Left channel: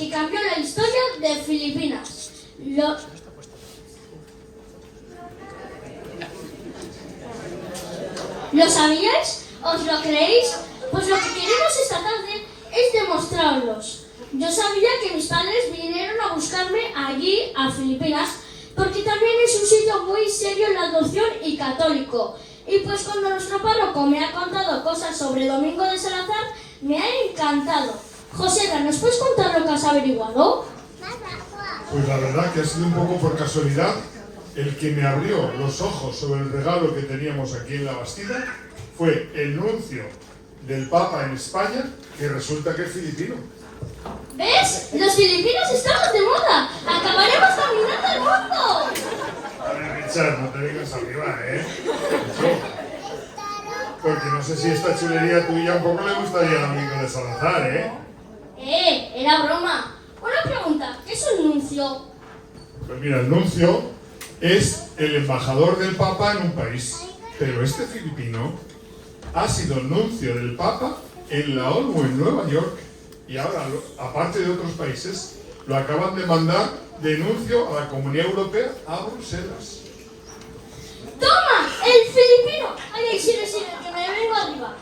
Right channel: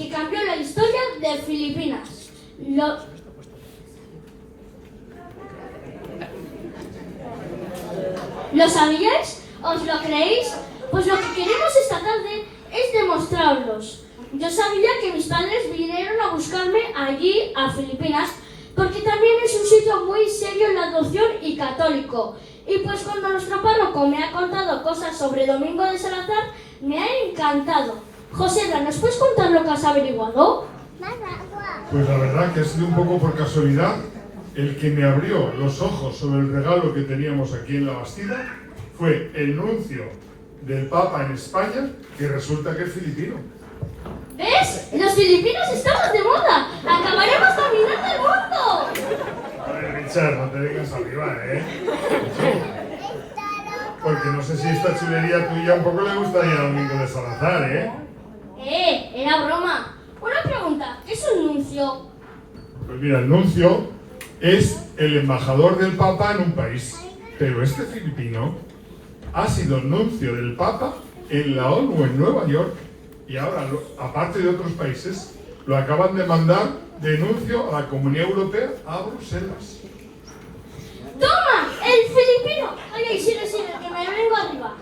que cambió la historia de Filipinas. ¿Lo sabíais? ¿Os lo creéis? Pues lo que queremos esta tarde es demostrarlos. Yo sabía que mis padres vinieron a buscarme allí, a Filipinas, porque también es un sitio muy serio en la adopción y católico. Y pues cuando nuestro párroco me ha contado cosas sobre Domingo de Salazar, me ha encantado. José, ¿nos puedes contar lo que has averiguado? Pues la verdad que ha sido un poco por casualidad el que me abrió los ojos sobre el regalo que teníamos aquí en la Bastida fue el nuncio del Papa en España, que resulta que es filipino. ¿Ves? Los filipinos estamos de moda. Acabaremos dominando el mundo. A ver, Richard, no te dejes arriba, ¿eh? Porque no sé si esta chulería tuya un poco le gustaría a Domingo de Salazar, ¿eh? Era broma. Una pregunta, ¿qué es un nuncio? Pues mira, el nuncio es el embajador del Papa en un país. Pero este filipino ha sido el nuncio del Papa en la ONU en Nueva York. Y ahora, aparte de otros países, lo acaban de mandar de nuncio a la Comunidad Europea a Bruselas. ¡Toma! ¡El filipino! Ay, sigue, que me vengo arriba.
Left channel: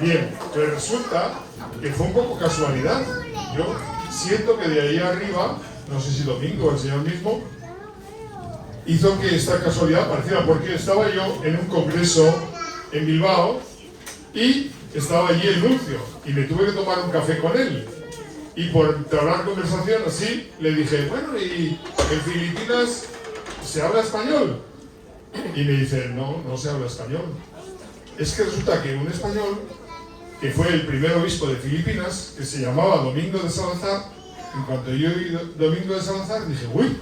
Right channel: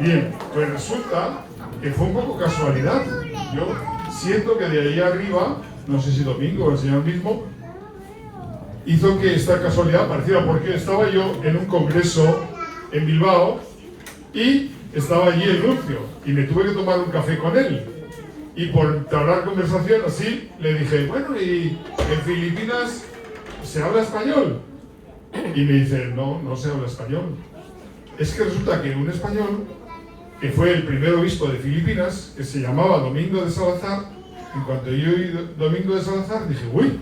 Bien, pues resulta que fue un poco casualidad. Yo siento que de ahí arriba, no sé si Domingo o el señor mismo, hizo que esta casualidad apareciera, porque estaba yo en un congreso en Bilbao y estaba allí el nuncio y me tuve que tomar un café con él. Y por entablar conversación así, le dije, bueno, ¿y en Filipinas se habla español? Y me dice, no se habla español. Es que resulta que un español, que fue el primer obispo de Filipinas, que se llamaba Domingo de Salazar, en cuanto yo oí Domingo de Salazar, dije, uy,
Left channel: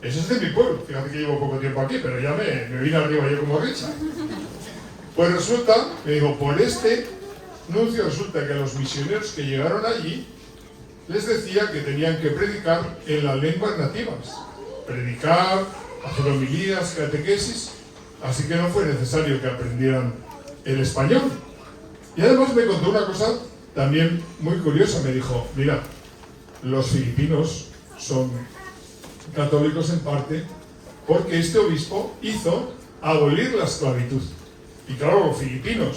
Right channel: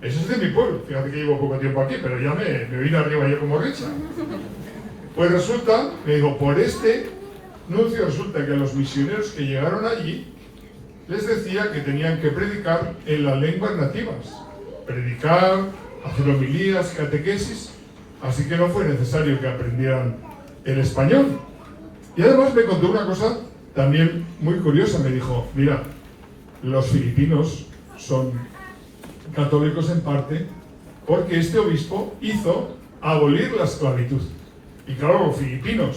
eso es de mi pueblo. Fíjate que llevo poco tiempo aquí, pero ya me vine arriba yo como Richard. Pues resulta, me dijo, por este nuncio resulta que a los misioneros que llegaron allí les decía que tenían que predicar en las lenguas nativas. Predicar, hacer homilías, catequesis, así que no fue necesario que aprendieran el español. Y además me contó una cosa también muy curiosa. Me dijo, mira, los filipinos son católicos en parte porque este obispo hizo abolir la esclavitud. Y claro, los filipinos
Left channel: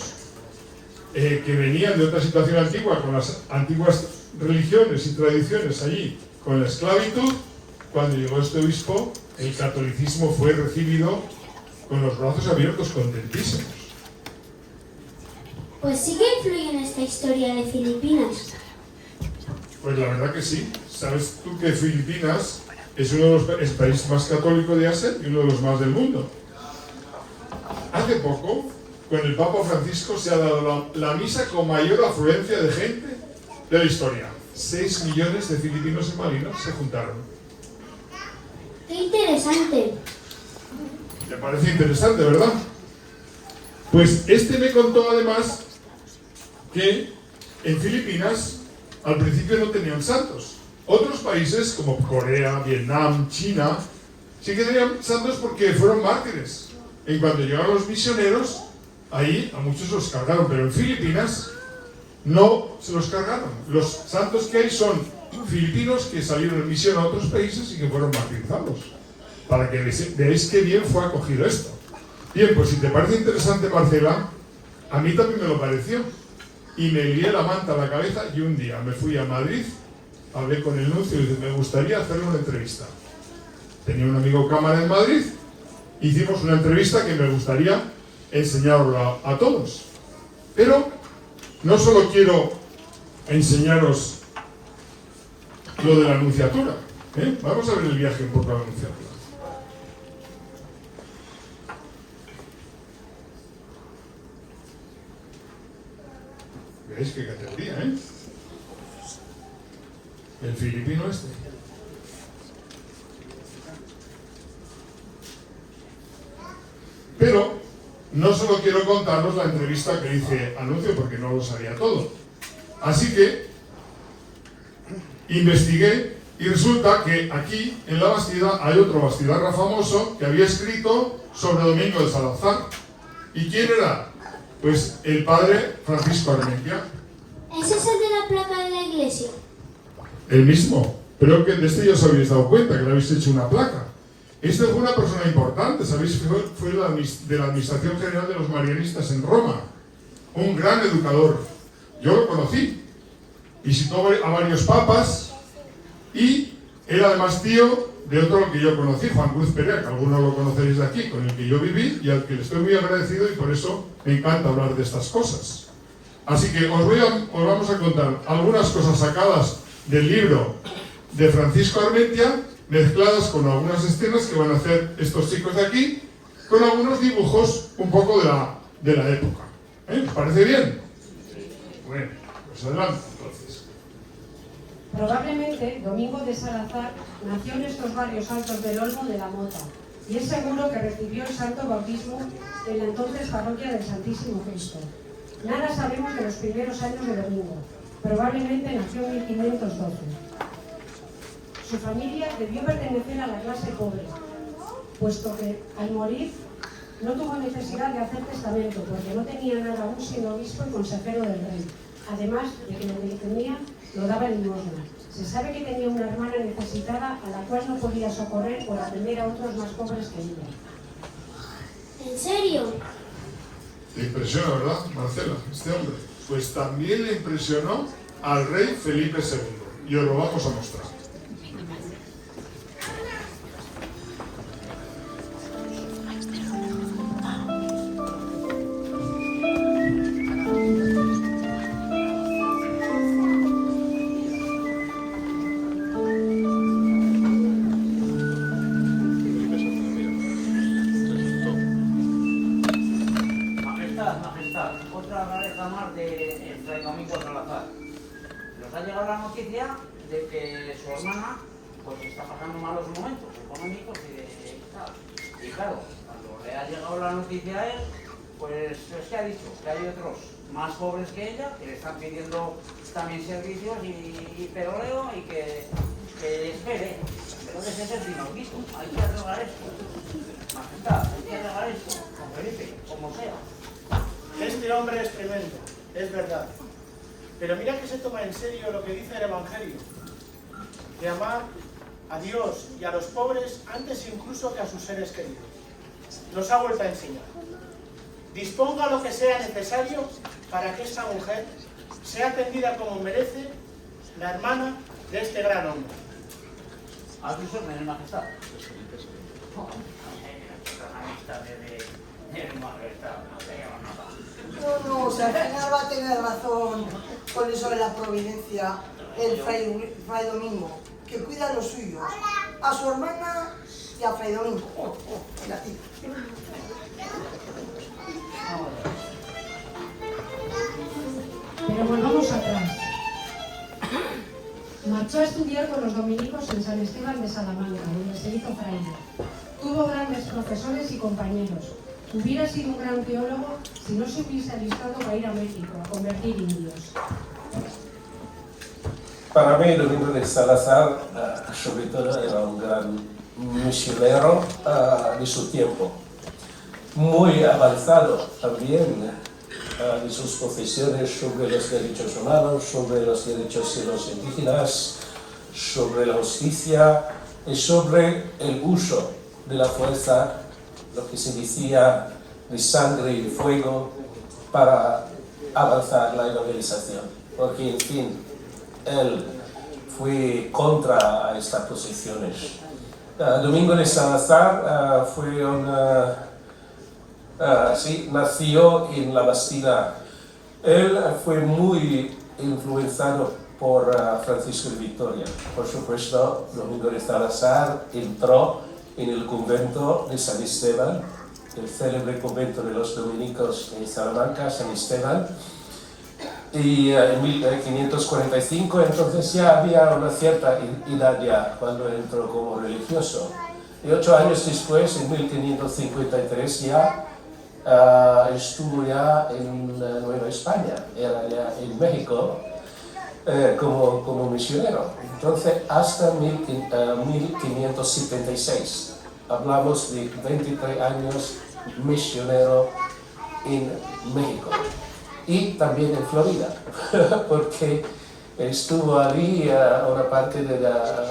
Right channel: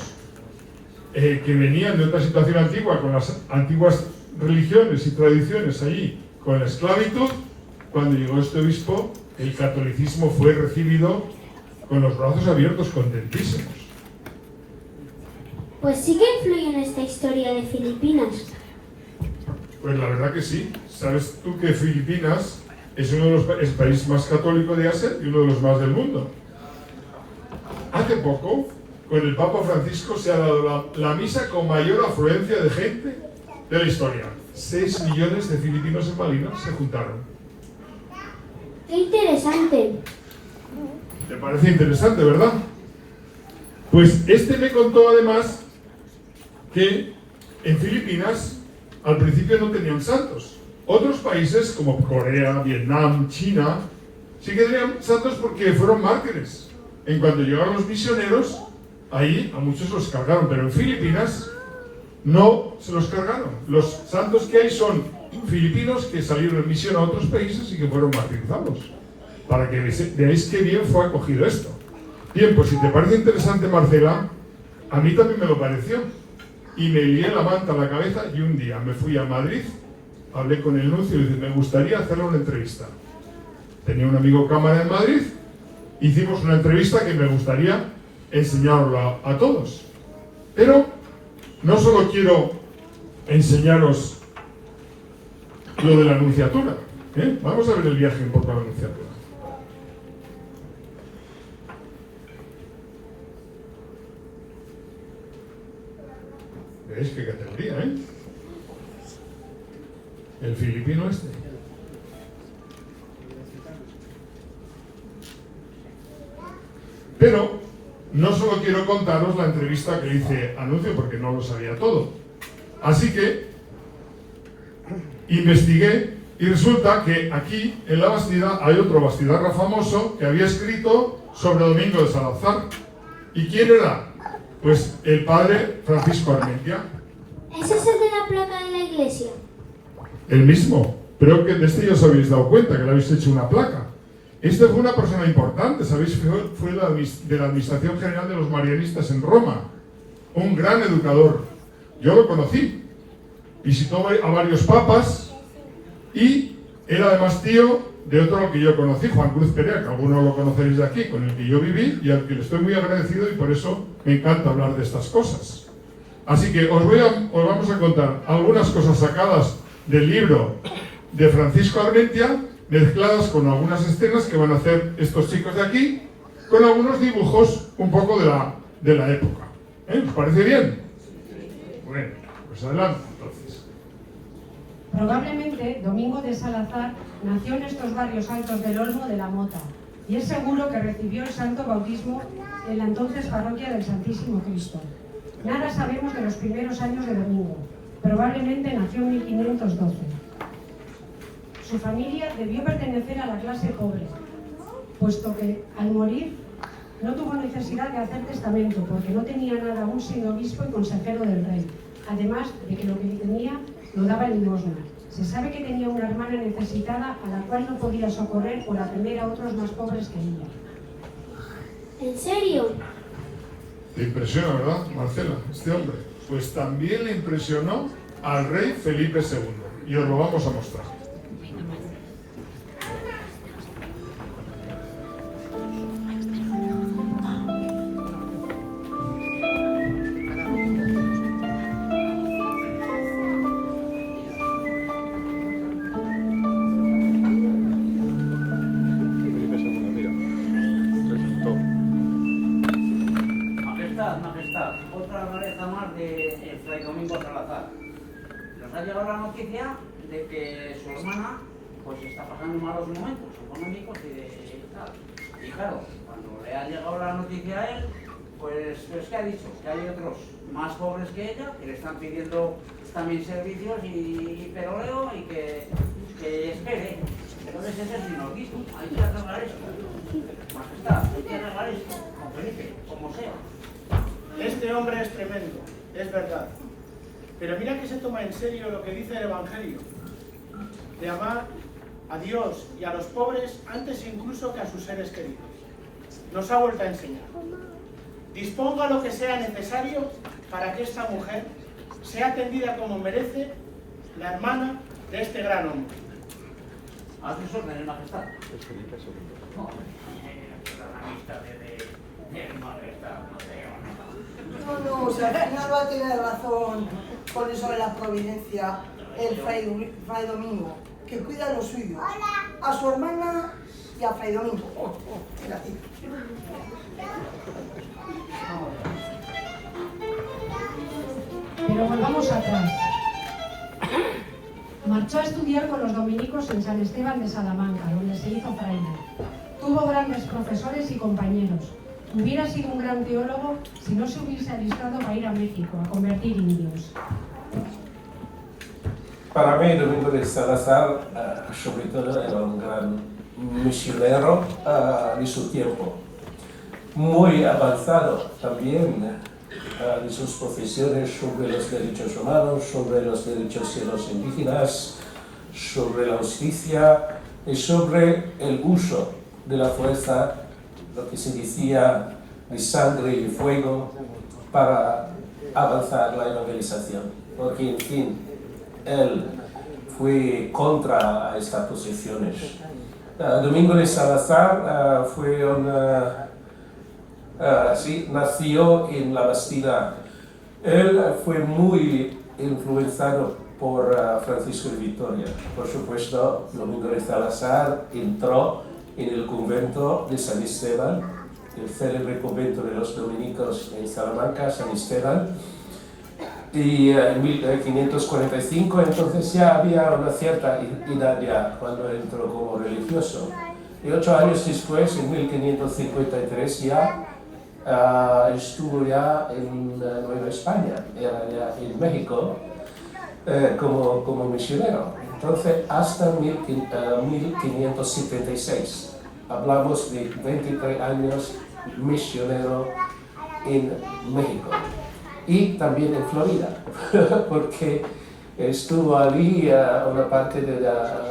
que venían de otra situación antigua, con las antiguas religiones y tradiciones allí, con la esclavitud, cuando llegó este obispo, el catolicismo fue recibido con los brazos abiertos, contentísimos. Pues sí que influye en esta historia de Filipinas. Pues la verdad que sí. ¿Sabes tú que Filipinas es uno de los países más católicos de Asia y uno de los más del mundo? Hace poco, con el Papa Francisco, se ha dado la misa con mayor afluencia de gente de la historia. 6 millones de filipinos en Malinas se juntaron. ¡Qué interesante! ¿Te parece interesante, verdad? Pues este me contó además que en Filipinas al principio no tenían santos. Otros países como Corea, Vietnam, China, sí que tenían santos porque fueron mártires. En cuanto llegaron los misioneros, ahí a muchos los cargaron, pero en Filipinas no se los cargaron. Los santos que hay son filipinos que salieron en misión a otros países y que fueron martirizados. Para que veáis qué bien fue acogido esto. Bien, pues si te parece interesante, Marcela, a mí también me lo pareció. Y me lié la manta a la cabeza y un día me fui a Madrid, hablé con el nuncio y dije, me gustaría hacerle una entrevista. Tenía un amigo cámara en Madrid, hicimos una entrevista que me gustaría enseñarlo a todos. Pero no solo quiero enseñaros lo de la anunciatura, ¿eh? Vamos a ver el viaje un poco a la anunciatura. Veréis qué categoría, ¿eh? El filipino este. Pero no solo quiero contaros la entrevista que le hice a Nuncio porque no lo sabía todo. Así que investigué y resulta que aquí en la Bastida hay otro bastidarra famoso que había escrito sobre Domingo de Salazar. ¿Y quién era? Pues el padre Francisco Armentia. ¿Es ese de la placa de la iglesia? El mismo. Pero que de este ya os habéis dado cuenta, que le habéis hecho una placa. Este fue una persona importante, ¿sabéis? Fue de la Administración General de los Marianistas en Roma. Un gran educador. Yo lo conocí. Visitó a varios papas y era además tío de otro que yo conocí, Juan Cruz Perea, que algunos lo conoceréis de aquí, con el que yo viví y al que le estoy muy agradecido y por eso me encanta hablar de estas cosas. Así que os vamos a contar algunas cosas sacadas del libro de Francisco Armentia, mezcladas con algunas escenas que van a hacer estos chicos de aquí, con algunos dibujos un poco de la época. ¿Os parece bien? Bueno, pues adelante entonces. Probablemente Domingo de Salazar nació en estos barrios altos del Olmo de la Mota y es seguro que recibió el santo bautismo en la entonces parroquia del Santísimo Cristo. Nada sabemos de los primeros años de Domingo. Probablemente nació en 1512. Su familia debió pertenecer a la clase pobre, puesto que al morir no tuvo necesidad de hacer testamento porque no tenía nada aún siendo obispo y consejero del rey, además de que lo que tenía lo daba en limosna. Se sabe que tenía una hermana necesitada a la cual no podía socorrer por atender a otros más pobres que ella. ¿En serio? Te impresiona, ¿verdad, Marcela, este hombre? Pues también le impresionó al rey Felipe II. Y os lo vamos a mostrar. Otra pareja más de Fray Domingo Salazar. Nos ha llegado la noticia de que su hermana pues está pasando malos momentos económicos y claro, cuando le ha llegado la noticia a él, pues es que ha dicho que hay otros más pobres que ella que le están pidiendo también servicios y peroleo y que espere. Entonces ese es el inaudito, hay que arreglar esto. Majestad, hay que arreglar esto, con Felipe, como sea. Este hombre es tremendo, es verdad. Pero mira que se toma en serio lo que dice el Evangelio, de amar a Dios y a los pobres antes incluso que a sus seres queridos. Nos ha vuelto a enseñar. Disponga lo que sea necesario para que esta mujer sea atendida como merece la hermana de este gran hombre. ¿A sus órdenes, Majestad? No, o sea, al final va a tener razón con eso de la providencia el Fray Domingo, que cuida lo suyo, a su hermana y a Fray Domingo. Mira, tío. Pero volvamos atrás. Marchó a estudiar con los dominicos en San Esteban de Salamanca, donde se hizo fraile. Tuvo grandes profesores y compañeros. Hubiera sido un gran teólogo si no se hubiese alistado para ir a México a convertir indios. Para mí, Domingo de Salazar, sobre todo, era un gran misionero de su tiempo. Muy avanzado también de sus profesiones sobre los derechos humanos, sobre los derechos de los indígenas, sobre la justicia y sobre el uso de la fuerza, lo que se decía de sangre y fuego, para avanzar la evangelización. Porque, en fin, él fue contra estas posiciones. Domingo de Salazar nació en la Bastida. Él fue muy influenciado por Francisco de Vitoria. Por supuesto, Domingo de Salazar entró en el convento de San Esteban, el célebre convento de los dominicos en Salamanca, San Esteban, y en 1545 entonces ya había una cierta edad ya cuando entró como religioso. Y 8 años después, en 1553, ya estuvo ya en Nueva España, era ya en México, como misionero. Entonces, hasta 1576, hablamos de 23 años misionero en México. y también en Florida, porque estuvo allí una parte de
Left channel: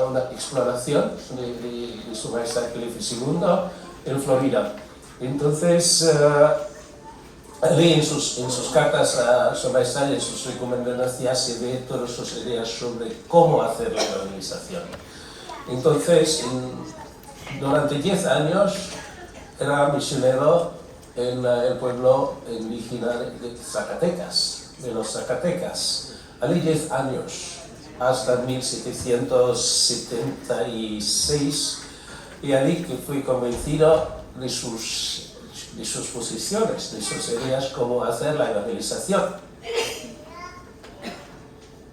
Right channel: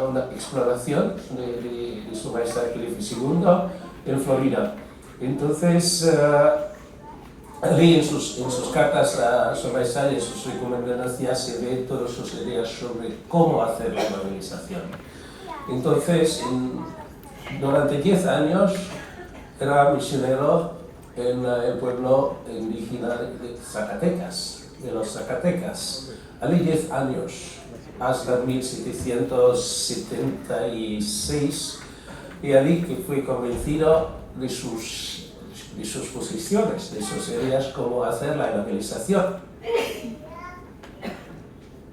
una exploración de su Majestad Felipe II en Florida. Entonces, allí en sus cartas a su Majestad y en sus recomendaciones se ve todas sus ideas sobre cómo hacer la evangelización. Entonces, durante 10 años era misionero en el pueblo indígena de Zacatecas, de los Zacatecas. Allí 10 años, hasta 1776, y allí que fue convencido de sus posiciones, de sus ideas, cómo hacer la evangelización.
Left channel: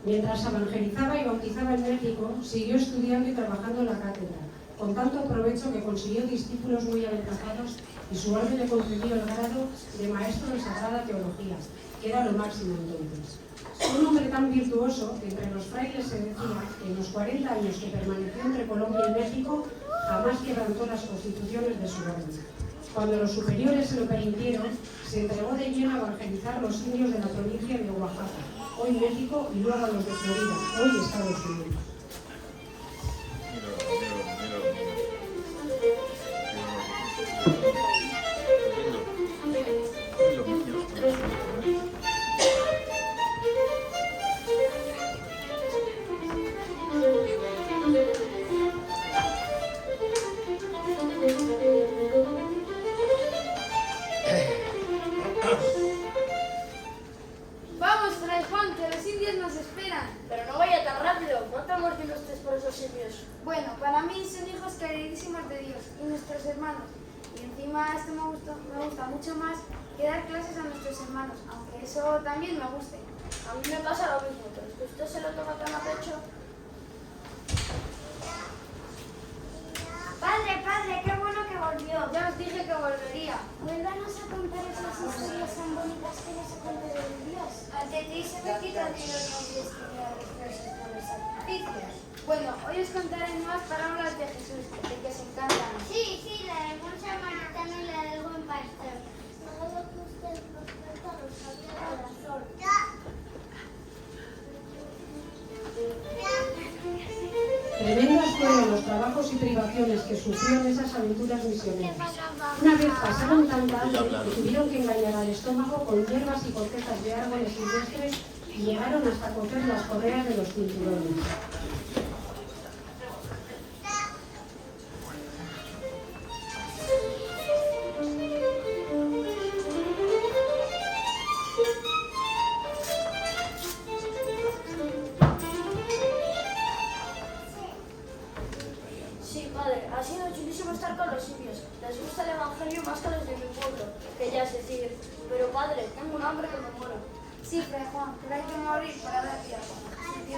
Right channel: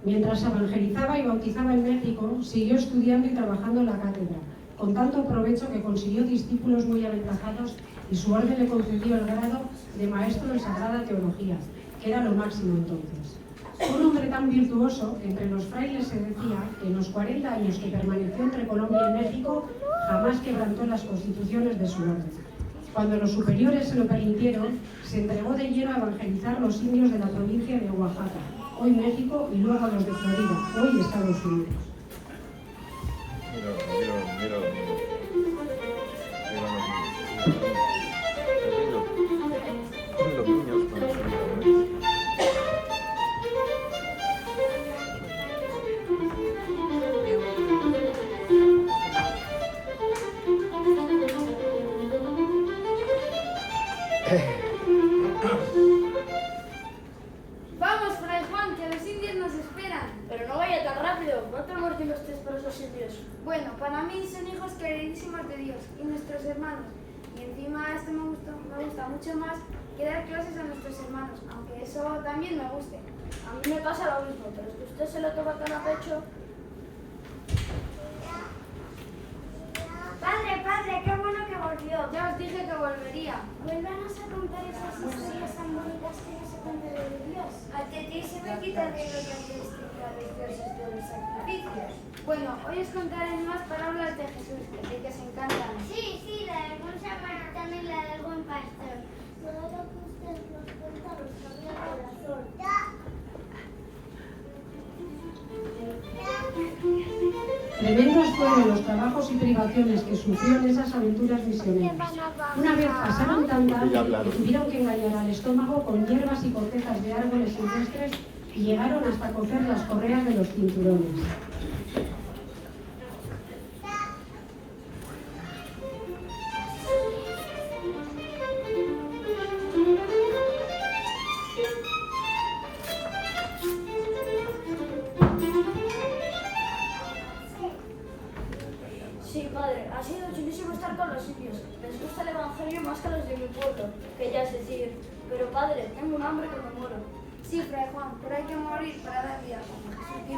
Mientras evangelizaba y bautizaba en México, siguió estudiando y trabajando en la cátedra, con tanto provecho que consiguió discípulos muy aventajados y su orden le concedió el grado de maestro en Sagrada Teología, que era lo máximo entonces. Un hombre tan virtuoso que entre los frailes se decía que en los 40 años que permaneció entre Colombia y México jamás quebrantó las constituciones de su orden. Cuando los superiores se lo permitieron, se entregó de lleno a evangelizar los indios de la provincia de Oaxaca, hoy México, y luego a los de Florida, hoy Estados Unidos. Vamos, Fray Juan, que los indios nos esperan. Pero no vaya tan rápido, ¿cuánto amor tienes ustedes por esos indios? Bueno, para mí son hijos queridísimos de Dios y nuestros hermanos. Y encima esto me gusta mucho más que dar clases a nuestros hermanos, aunque eso también me guste. A mí me pasa lo mismo, pero que usted se lo toma tan a pecho. Padre, qué bueno que volvió. Ya os dije que volvería. Vuélvanos a contar esas historias tan bonitas que nos cuentan de Dios. A ti se me quita el dinero que antes tenía los versos de los sacrificios. Bueno, hoy os contaré más parábolas de Jesús, que os encantan. Sí, la de Buen Samaritano y la del Buen Pastor. Todo lo que usted nos cuenta nos pone el corazón. Tremendos fueron los trabajos y privaciones que sufrió en esas aventuras misioneras. Una vez pasaron tanta hambre que tuvieron que engañar al estómago con hierbas y cortezas de árboles silvestres y llegaron hasta coger las correas de los cinturones. Sí, padre, ha sido chulísimo estar con los indios. Les gusta el evangelio más que a los de mi pueblo, que ya es decir. Pero padre, tengo un hambre que me muero. Sí, Fray Juan, pero hay que morir para dar vida como Jesús dijo.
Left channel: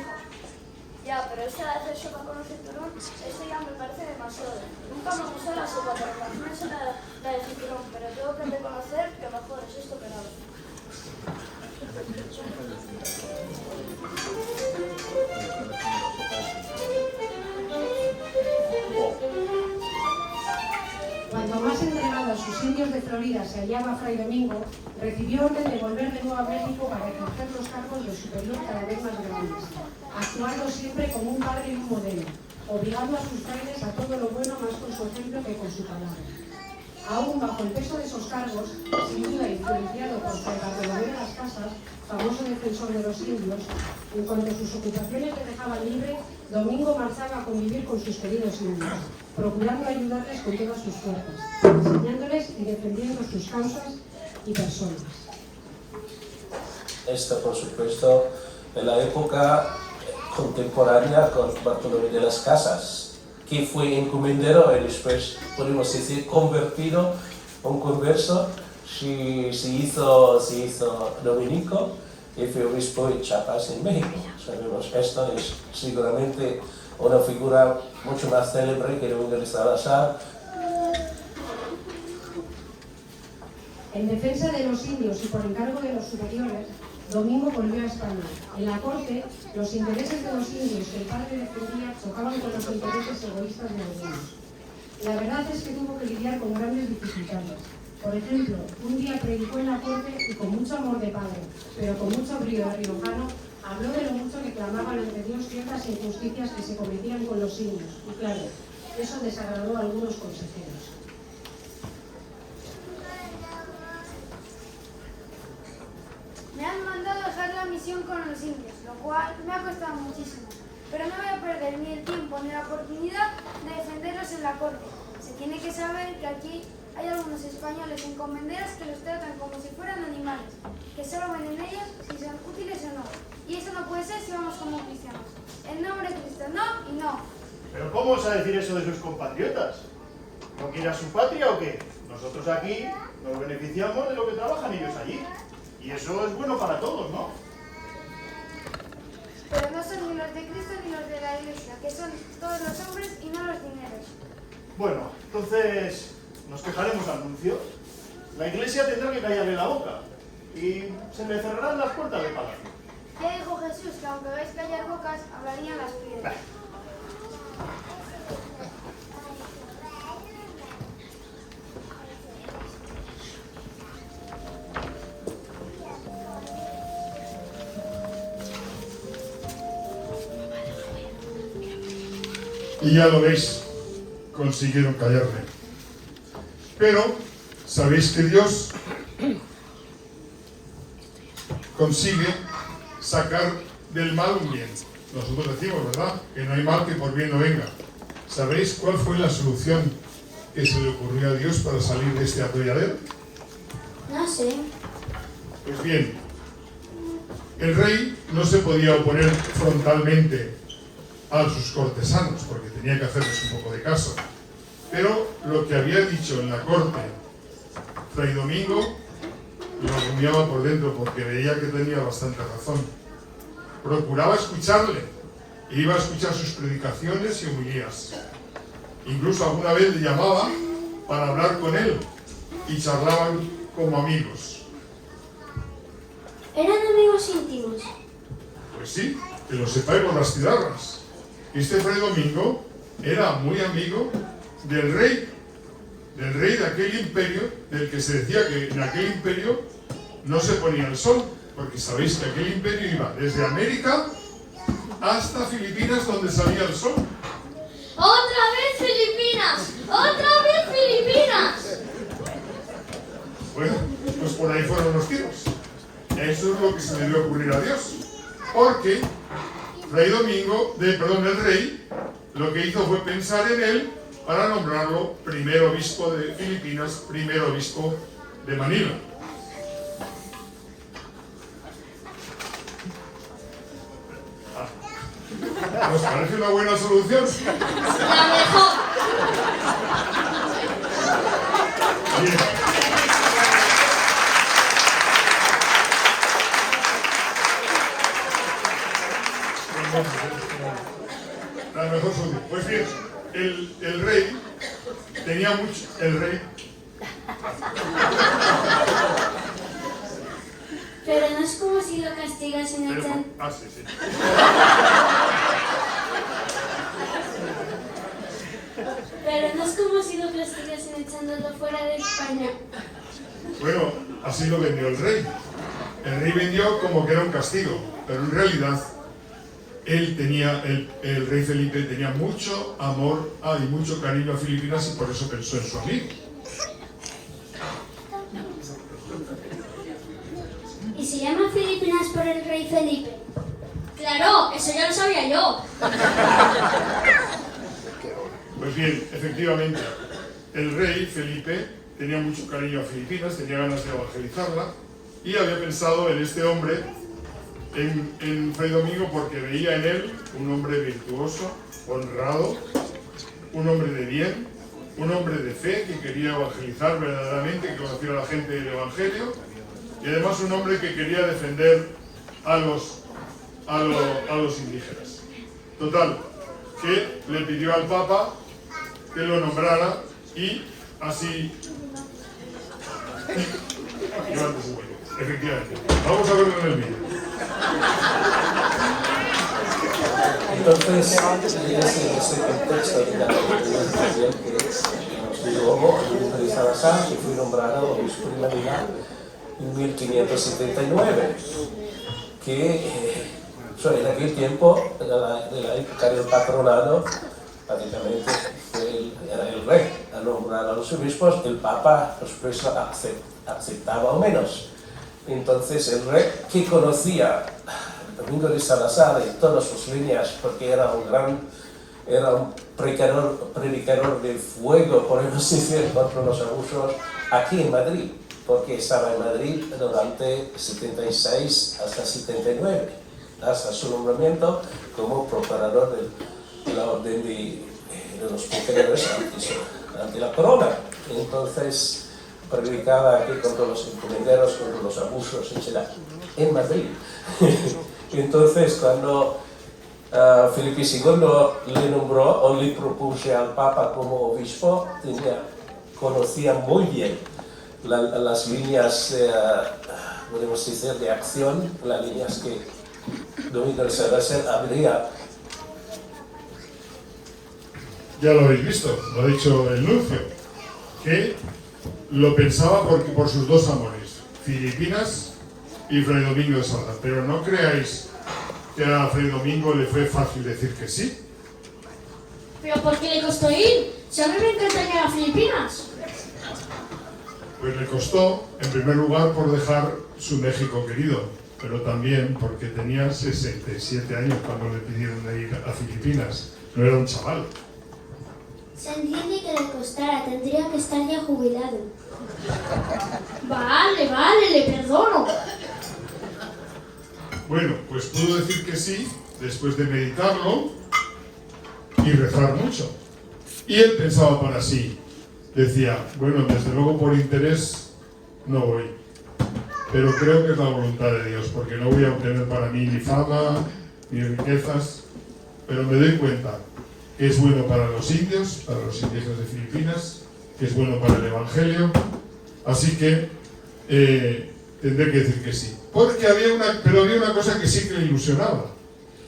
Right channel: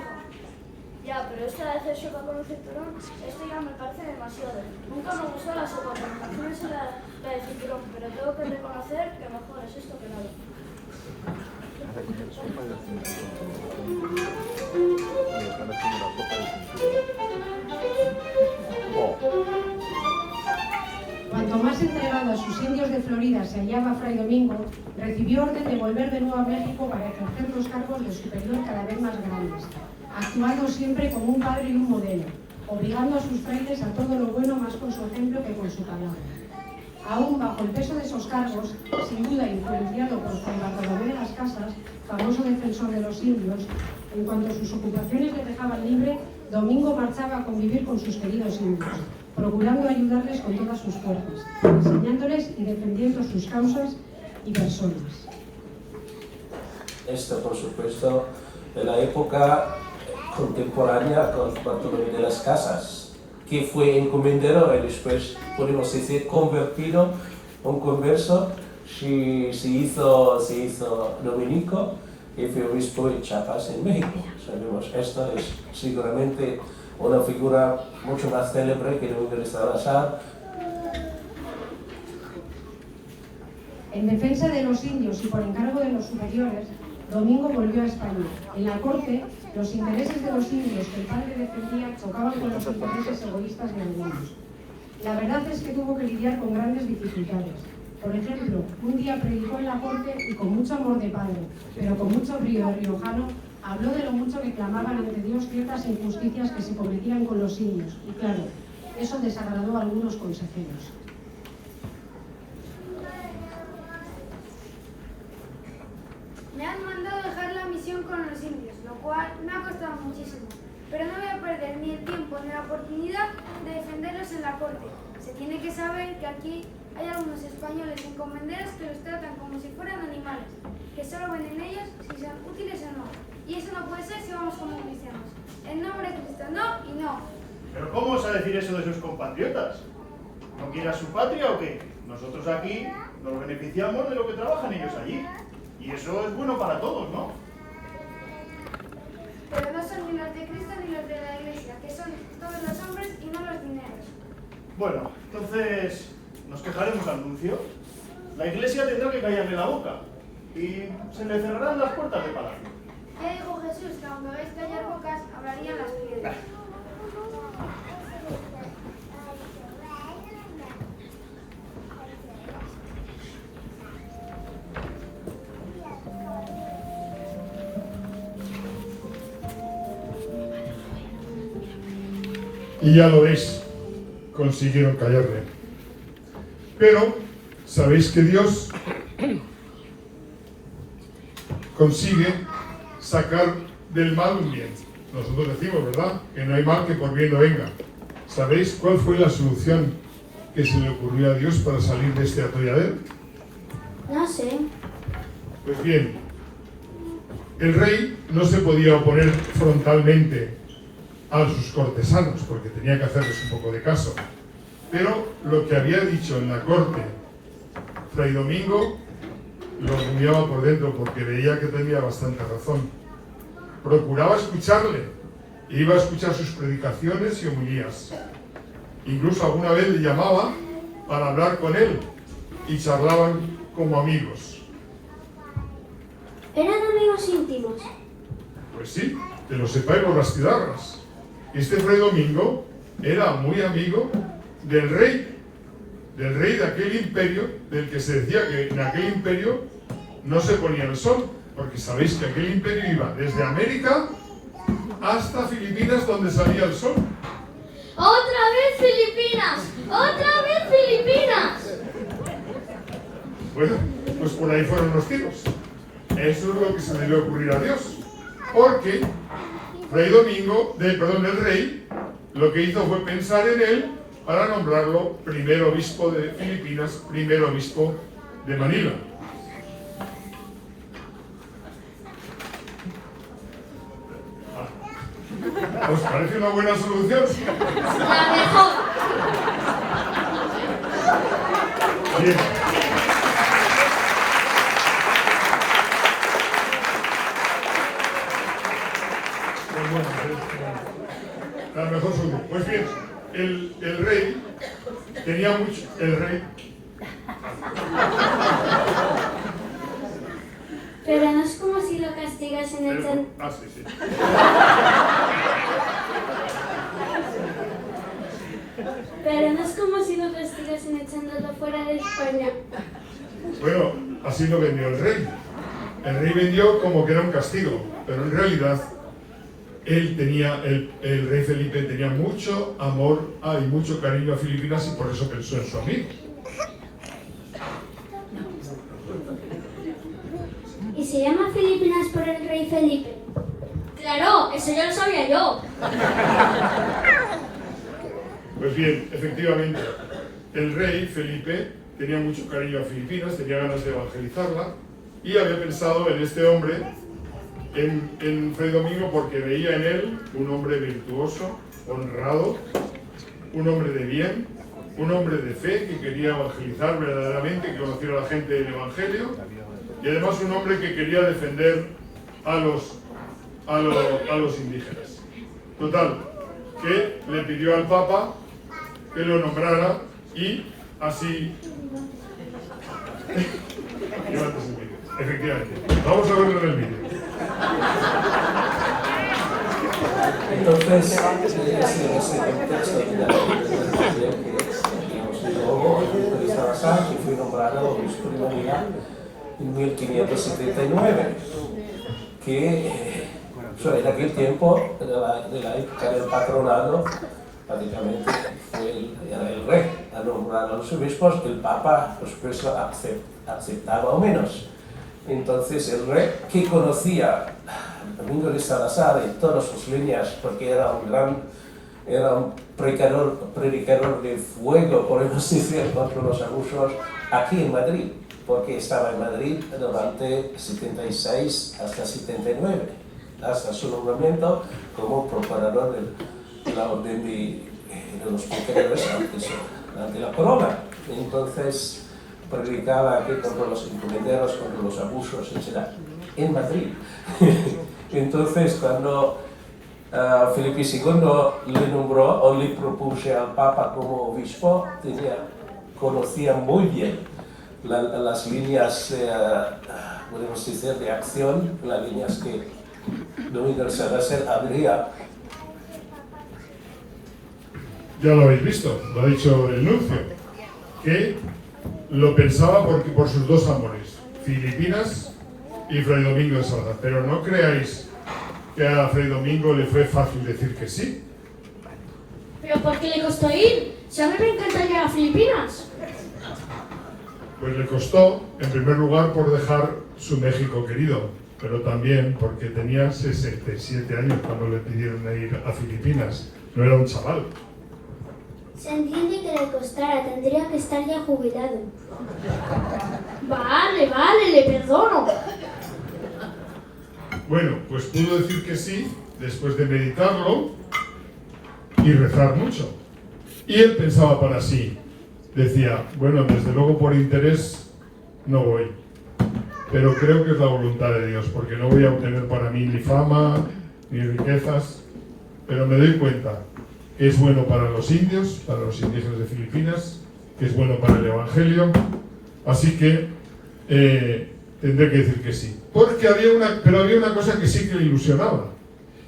Ya, pero esta de hacer sopa con el cinturón, esto ya me parece demasiado. Nunca me gustó la sopa, pero imagínense la del cinturón. Pero tengo que reconocer que mejor es esto que nada. Cuanto más entregados sus indios de Florida se hallaba Fray Domingo, recibió orden de volver de nuevo a México para ejercer los cargos de superior cada vez más grandes, actuando siempre como un padre y un modelo, obligando a sus frailes a todo lo bueno más con su ejemplo que con su palabra. Aún bajo el peso de esos cargos, sin duda influenciado por Fray Bartolomé de las Casas, famoso defensor de los indios, en cuanto sus ocupaciones le dejaban libre, Domingo marchaba a convivir con sus queridos indios, procurando ayudarles con todas sus fuerzas, enseñándoles y defendiendo sus causas y personas. Esto, por supuesto, en la época contemporánea con Bartolomé de las Casas, que fue encomendero y después, podemos decir, convertido, un converso, se hizo dominico y fue obispo de Chiapas en México. Sabemos, esto es seguramente una figura mucho más célebre que Domingo de Salazar. En defensa de los indios y por encargo de los superiores, Domingo volvió a España. En la corte, los intereses de los indios que el padre defendía chocaban con los intereses egoístas de algunos. La verdad es que tuvo que lidiar con grandes dificultades. Por ejemplo, un día predicó en la corte y con mucho amor de padre, pero con mucho brío riojano, habló de lo mucho que clamaban ante Dios ciertas injusticias que se cometían con los niños. Y claro, eso desagradó a algunos consejeros. Me han mandado dejar la misión con los indios, lo cual me ha costado muchísimo. Pero no voy a perder ni el tiempo ni la oportunidad de defenderlos en la corte. Se tiene que saber que aquí hay algunos españoles encomenderos que los tratan como si fueran animales, que solo ven en ellos si son útiles o no. Y eso no puede ser si vamos como cristianos. En nombre de Cristo, no y no. ¿Pero cómo vas a decir eso de sus compatriotas? ¿No quiere a su patria o qué? Nosotros aquí nos beneficiamos de lo que trabajan ellos allí. Y eso es bueno para todos, ¿no? Pero no son ni los de Cristo ni los de la Iglesia, que son todos los hombres y no los dineros. Bueno, entonces nos quejaremos al nuncio. La Iglesia tendrá que callarle la boca y se le cerrarán las puertas del palacio. Ya dijo Jesús que aunque veis callar bocas, hablarían las piedras. Y ya lo veis, consiguieron callarle. Pero sabéis que Dios consigue sacar del mal un bien. Nosotros decimos, ¿verdad?, que no hay mal que por bien no venga. ¿Sabéis cuál fue la solución que se le ocurrió a Dios para salir de este atolladero? No sé. Pues bien, el rey no se podía oponer frontalmente a sus cortesanos, porque tenía que hacerles un poco de caso. Pero lo que había dicho en la corte Fray Domingo lo rumiaba por dentro, porque veía que tenía bastante razón. Procuraba escucharle, e iba a escuchar sus predicaciones y homilías. Incluso alguna vez le llamaba para hablar con él, y charlaban como amigos. Eran amigos íntimos. Pues sí, que lo sepáis por las cigarras. Este Fray Domingo era muy amigo del rey de aquel imperio, del que se decía que en aquel imperio no se ponía el sol, porque sabéis que aquel imperio iba desde América hasta Filipinas, donde salía el sol. ¡Otra vez Filipinas! ¡Otra vez Filipinas! Bueno, pues por ahí fueron los tiros. Eso es lo que se le debió ocurrir a Dios, porque el rey, lo que hizo fue pensar en él para nombrarlo primer obispo de Filipinas, primer obispo de Manila. ¿Os parece una buena solución? La mejor. Bien. La mejor solución. Pues bien, el rey tenía mucho. El rey. Pero no es como si lo castigasen en el... Sí. Pero no es como si lo castigasen echándolo fuera de España. Bueno, así lo vendió el rey. El rey vendió como que era un castigo, pero en realidad el rey Felipe tenía mucho amor y mucho cariño a Filipinas, y por eso pensó en su amigo. ¿Y se llama Filipinas por el rey Felipe? Claro, eso ya lo sabía yo. Pues bien, efectivamente, el rey Felipe tenía mucho cariño a Filipinas, tenía ganas de evangelizarla, y había pensado en este hombre, en Fray Domingo, porque veía en él un hombre virtuoso, honrado, un hombre de bien, un hombre de fe que quería evangelizar verdaderamente, que conociera a la gente del Evangelio, y además un hombre que quería defender a los indígenas. Total, que le pidió al Papa que lo nombrara, y así... Efectivamente. Vamos a verlo en el vídeo. Entonces, es en ese contexto de la constitución que luego Domingo de Salazar, que fue nombrado obispo de Manila en 1579, que en aquel tiempo, de la época del patronado, prácticamente era el rey a nombrar a los obispos, el papa, por supuesto, aceptaba o menos. Entonces el rey, que conocía a Domingo de Salazar y todas sus líneas, porque era un predicador de fuego, podemos decir, contra los abusos, aquí en Madrid, porque estaba en Madrid durante 76 hasta 79, hasta su nombramiento como procurador de la orden de los procuradores ante la corona. Entonces predicaba aquí contra los encomenderos, contra los abusos, etc. en Madrid. Entonces cuando Felipe II le nombró o le propuso al Papa como obispo, conocía muy bien las líneas, podemos decir, de acción, las líneas que Domingo de Salazar habría. Ya lo habéis visto, lo ha dicho el nuncio, que lo pensaba por sus dos amores, Filipinas y Fray Domingo de Salazar. Pero no creáis que a Fray Domingo le fue fácil decir que sí. ¿Pero por qué le costó ir? Si a mí me encanta ir a Filipinas. Pues le costó, en primer lugar, por dejar su México querido, pero también porque tenía 67 años cuando le pidieron ir a Filipinas. No era un chaval. Se entiende que le costara, tendría que estar ya jubilado. Vale, le perdono. Bueno, pues pudo decir que sí, después de meditarlo y rezar mucho. Y él pensaba para sí, decía, bueno, desde luego por interés no voy, pero creo que es la voluntad de Dios, porque no voy a obtener para mí ni fama, ni riquezas, pero me doy cuenta que es bueno para los indios, para los indígenas de Filipinas, que es bueno para el Evangelio, así que tendré que decir que sí. Porque había una cosa que sí que le ilusionaba,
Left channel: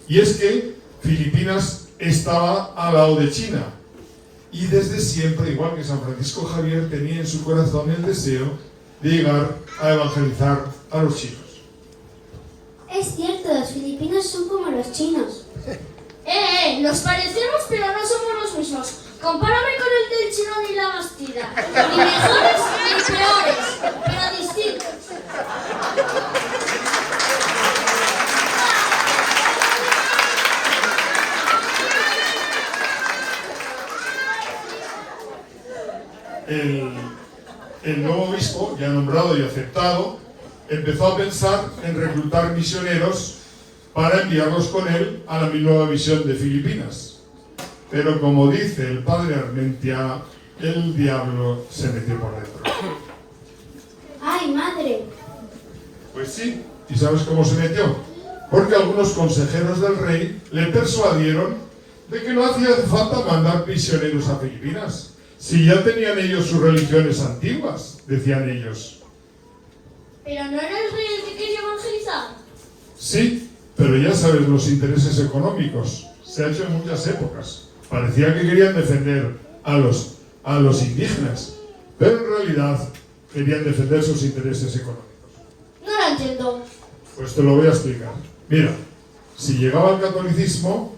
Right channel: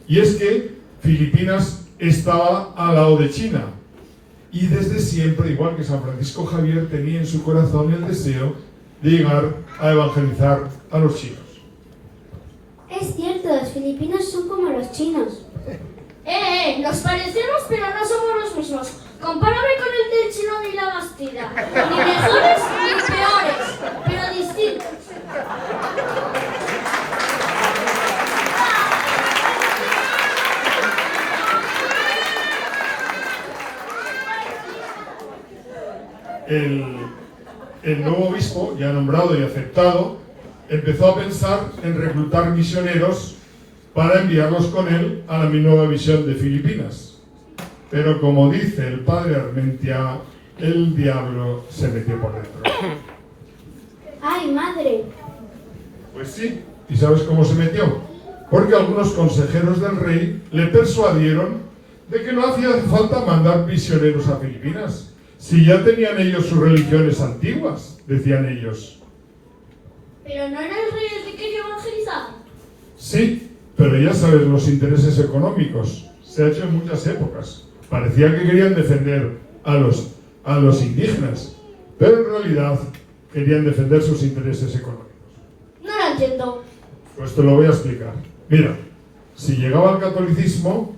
y es que Filipinas estaba al lado de China, y desde siempre, igual que San Francisco Javier, tenía en su corazón el deseo de llegar a evangelizar a los chinos. Es cierto, los filipinos son como los chinos. Nos parecemos pero no somos los mismos. Compárame con el del chino ni la Bastida. Ni mejores ni peores, pero distintos. El nuevo obispo, ya nombrado y aceptado, empezó a pensar en reclutar misioneros para enviarlos con él a la nueva misión de Filipinas. Pero como dice el padre Armentia, el diablo se metió por dentro. ¡Ay, madre! Pues sí, ¿y sabes cómo se metió? Porque algunos consejeros del rey le persuadieron de que no hacía falta mandar misioneros a Filipinas, si ya tenían ellos sus religiones antiguas, decían ellos. ¿Pero no era el rey el que quería evangelizar? Sí, pero ya sabes, los intereses económicos se ha hecho en muchas épocas. Parecía que querían defender a los indígenas, pero en realidad querían defender sus intereses económicos. No lo entiendo. Pues te lo voy a explicar. Mira, si llegaba al catolicismo,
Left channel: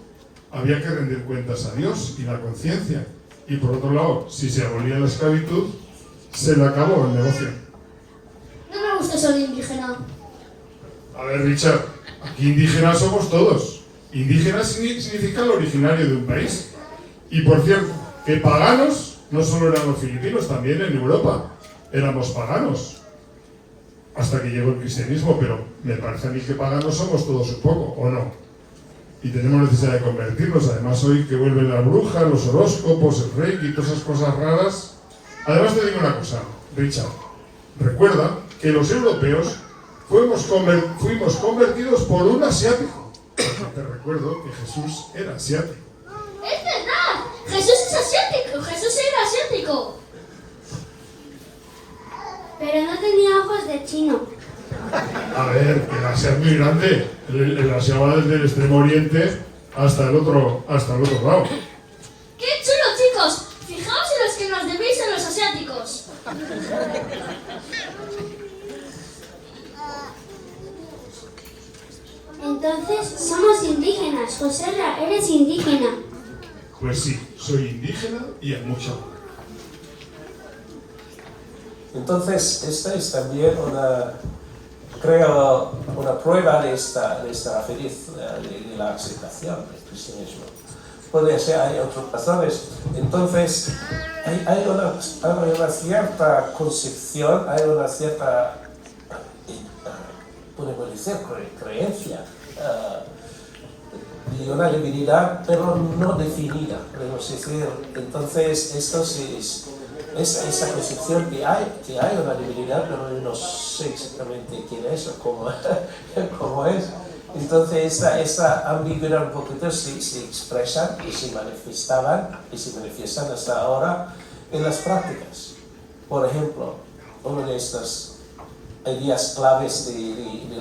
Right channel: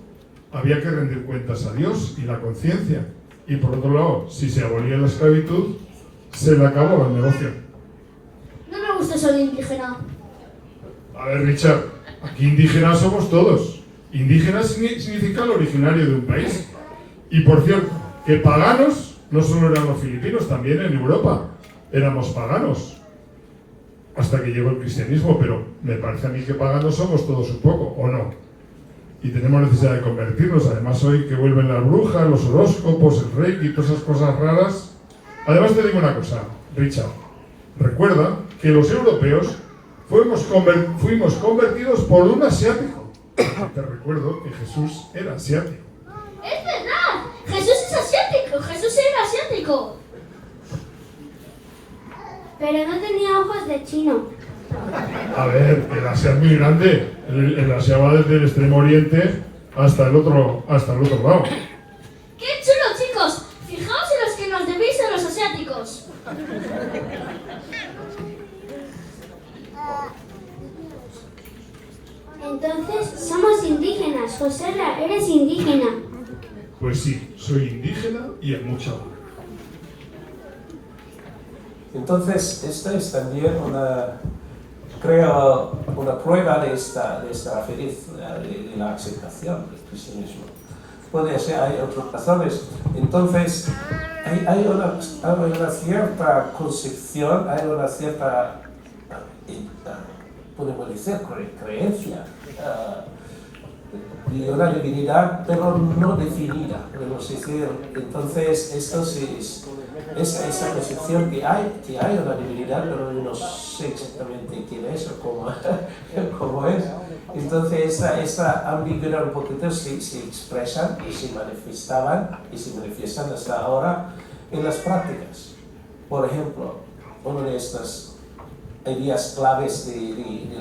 había que rendir cuentas a Dios y la conciencia. Y por otro lado, si se abolía la esclavitud, se le acabó el negocio. No me gusta ser indígena. A ver, Richard, aquí indígenas somos todos. Indígena significa el originario de un país. Y por cierto, que paganos no solo eran los filipinos, también en Europa éramos paganos. Hasta que llegó el cristianismo, pero me parece a mí que paganos somos todos un poco, ¿o no? Y tenemos necesidad de convertirnos. Además, hoy que vuelven las brujas, los horóscopos, el reiki y todas esas cosas raras. Además, te digo una cosa, Richard. Recuerda que los europeos fuimos convertidos por un asiático. Te recuerdo que Jesús era asiático. ¡Es verdad! ¡Jesús es asiático! ¡Jesús era asiático! Pero no tenía ojos de chino. A ver, el Asia es muy grande. El Asia va desde el extremo oriente hasta el otro lado. ¡Qué chulo, chicos! Fijaos en los que nos debéis a los asiáticos. Entonces somos indígenas. Joserra, eres indígena. Pues sí, soy indígena y en mucho. Entonces, esta es también creo, una prueba de esta feliz, de la aceptación del cristianismo. Puede ser, hay otras razones. Entonces, hay una cierta concepción, hay una cierta, podemos decir, creencia y una divinidad, pero no definida, podemos decir. Entonces, esto es esa concepción que hay una divinidad, pero yo no sé exactamente quién es o cómo es. Entonces, esa ambigüedad un poquito se expresan y se manifestaban y se manifiestan hasta ahora en las prácticas. Por ejemplo, una de estas ideas claves de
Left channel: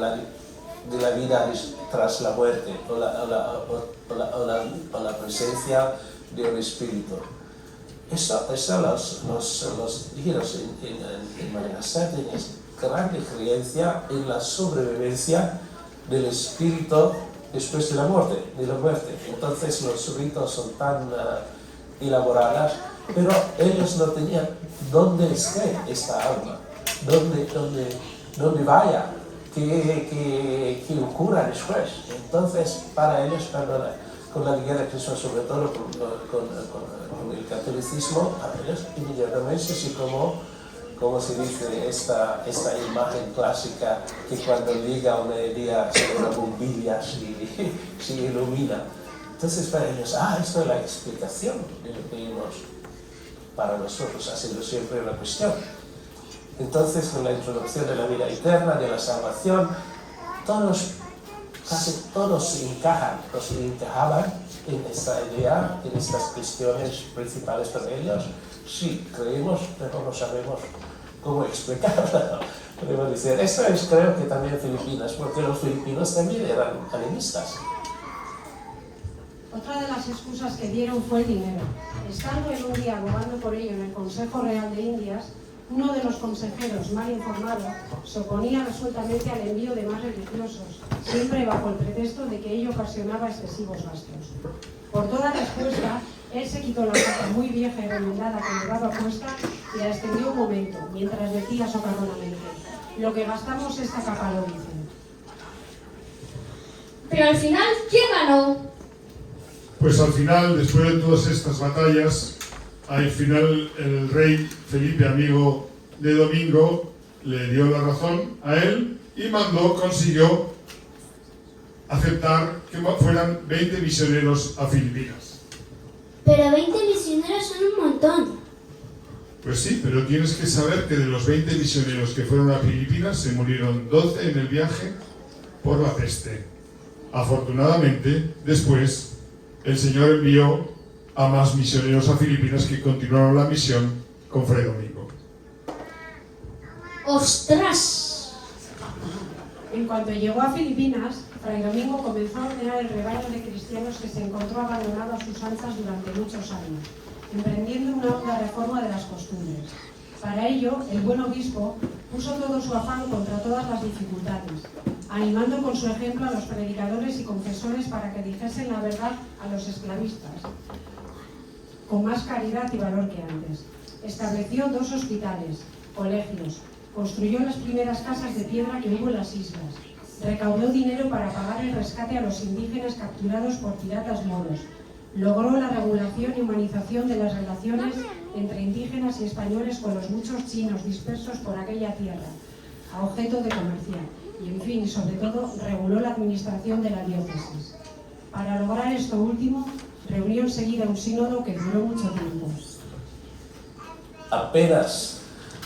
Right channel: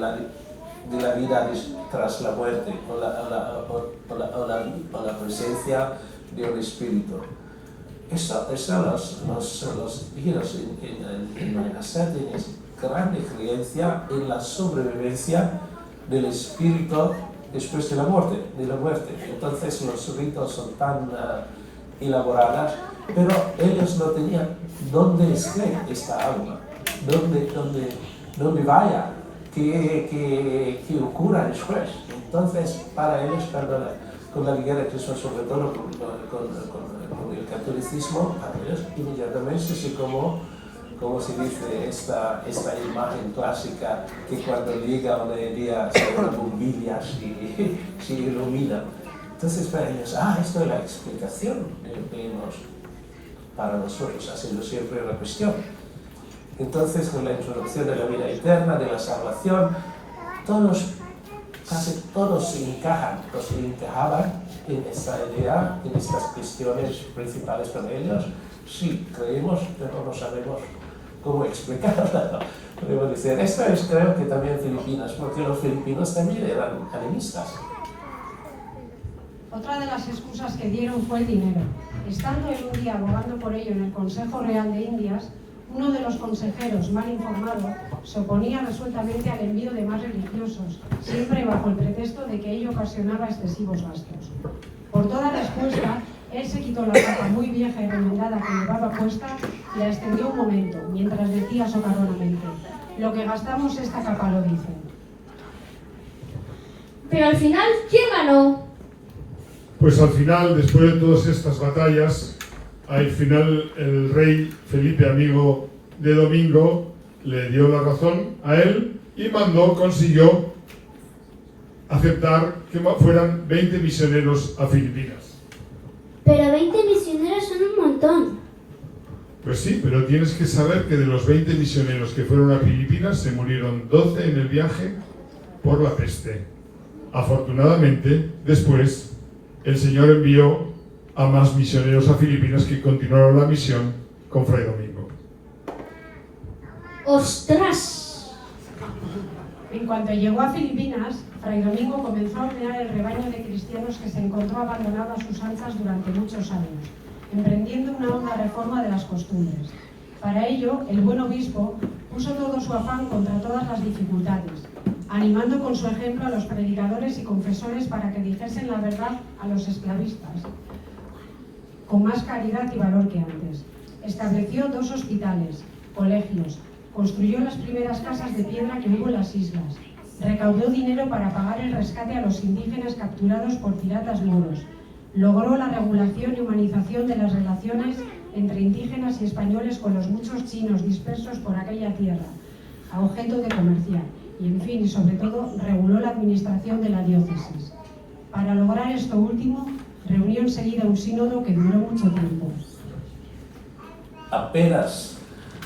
la vida tras la muerte o la presencia de un espíritu. Eso los indígenas en Madagascar tienen grande creencia en la sobrevivencia del espíritu después de la muerte. Entonces los ritos son tan elaborados, pero ellos no tenían dónde esté esta alma, dónde vaya, qué ocurra después. Entonces para ellos, con la Liga de Cristo, sobre todo con el catolicismo, a ellos inmediatamente se como se dice, esta imagen clásica que cuando llega una día sobre una bombilla se ilumina. Entonces para ellos, esto es la explicación de lo que para nosotros ha sido siempre una cuestión. Entonces con la introducción de la vida eterna, de la salvación, casi todos encajaban en esta idea, en estas cuestiones principales para ellos. Sí, creemos, pero no sabemos cómo explicarlo. Podemos decir, esto es creo que también Filipinas, porque los filipinos también eran animistas. Otra de las excusas que dieron fue el dinero. Estando en un día abogando por ello en el Consejo Real de Indias, uno de los consejeros mal informado se oponía resueltamente al envío de más religiosos, siempre bajo el pretexto de que ello ocasionaba excesivos gastos. Por toda respuesta, él se quitó la capa muy vieja y remendada que llevaba puesta y la extendió un momento, mientras decía socarronamente: lo que gastamos esta capa lo dice. Pero al final, ¿quién ganó? Pues al final, después de todas estas batallas, al final el rey Felipe, amigo de Domingo, le dio la razón a él y consiguió aceptar que fueran 20 misioneros a Filipinas. Pero 20 misioneros son un montón. Pues sí, pero tienes que saber que de los 20 misioneros que fueron a Filipinas se murieron 12 en el viaje por la peste. Afortunadamente, después, el Señor envió a más misioneros a Filipinas que continuaron la misión con Fray Domingo. ¡Ostras! En cuanto llegó a Filipinas, Fray Domingo comenzó a ordenar el rebaño de cristianos que se encontró abandonado a sus anchas durante muchos años, emprendiendo una honda reforma de las costumbres. Para ello, el buen obispo puso todo su afán contra todas las dificultades, animando con su ejemplo a los predicadores y confesores para que dijesen la verdad a los esclavistas, con más caridad y valor que antes. Estableció 2 hospitales, colegios, construyó las primeras casas de piedra que hubo en las islas, recaudó dinero para pagar el rescate a los indígenas capturados por piratas moros, logró la regulación y humanización de las relaciones entre indígenas y españoles con los muchos chinos dispersos por aquella tierra, a objeto de comerciar, y en fin, y sobre todo, reguló la administración de la diócesis. Para lograr esto último, reunió enseguida un sínodo que duró mucho tiempo. Apenas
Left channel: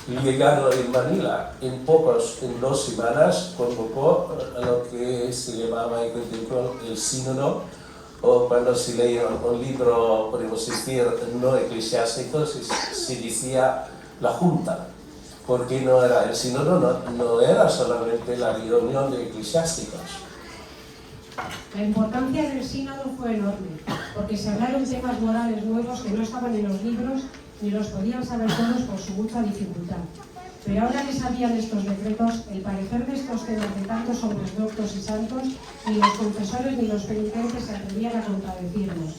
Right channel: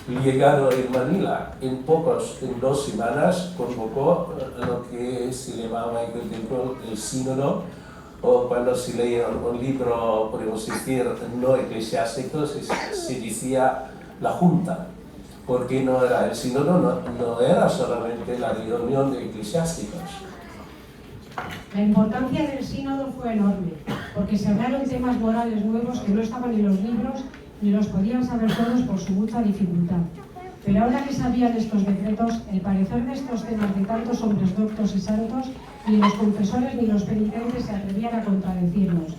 llegado en Manila, en 2 semanas, convocó a lo que se llamaba el sínodo, o cuando se leía un libro, podemos decir, no eclesiástico, se decía la junta, porque el sínodo no era solamente la reunión de eclesiásticos. La importancia del sínodo fue enorme, porque se hablaron temas morales nuevos que no estaban en los libros ni los podían saber todos por su mucha dificultad. Pero ahora que sabían estos decretos, el parecer de estos temas de tantos hombres doctos y santos, ni los confesores ni los penitentes se atrevían a contradecirlos.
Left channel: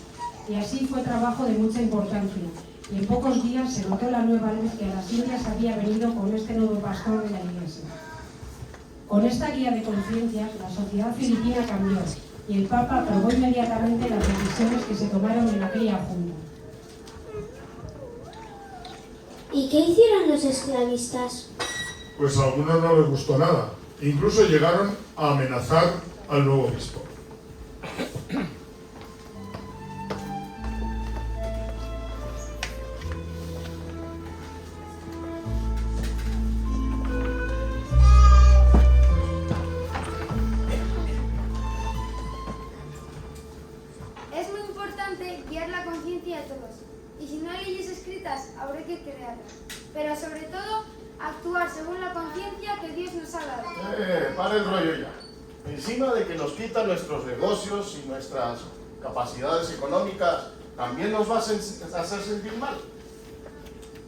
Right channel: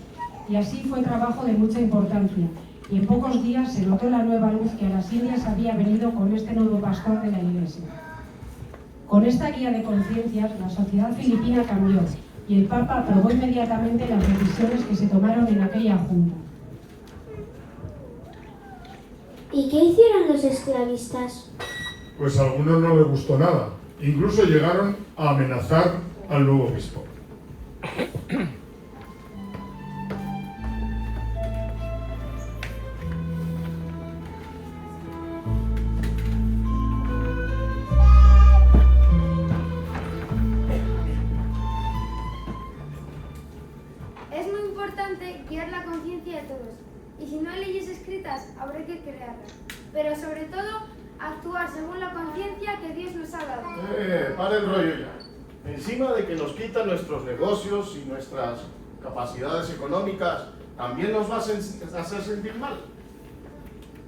Y así fue trabajo de mucha importancia, y en pocos días se notó la nueva luz que a las Indias había venido con este nuevo pastor de la Iglesia. Con esta guía de conciencia, la sociedad filipina cambió, y el Papa aprobó inmediatamente las decisiones que se tomaron en aquella junta. ¿Y qué hicieron los esclavistas? Pues a algunos no les gustó nada. Incluso llegaron a amenazar al nuevo obispo. Es muy importante guiar la conciencia de todos. Y si no hay leyes escritas, habrá que crearlas. Pero sobre todo, actuar según la conciencia que Dios nos ha dado. Para el rollo ya. Encima de que nos quitan nuestros negocios y nuestras capacidades económicas, ¿también nos va a hacer sentir mal?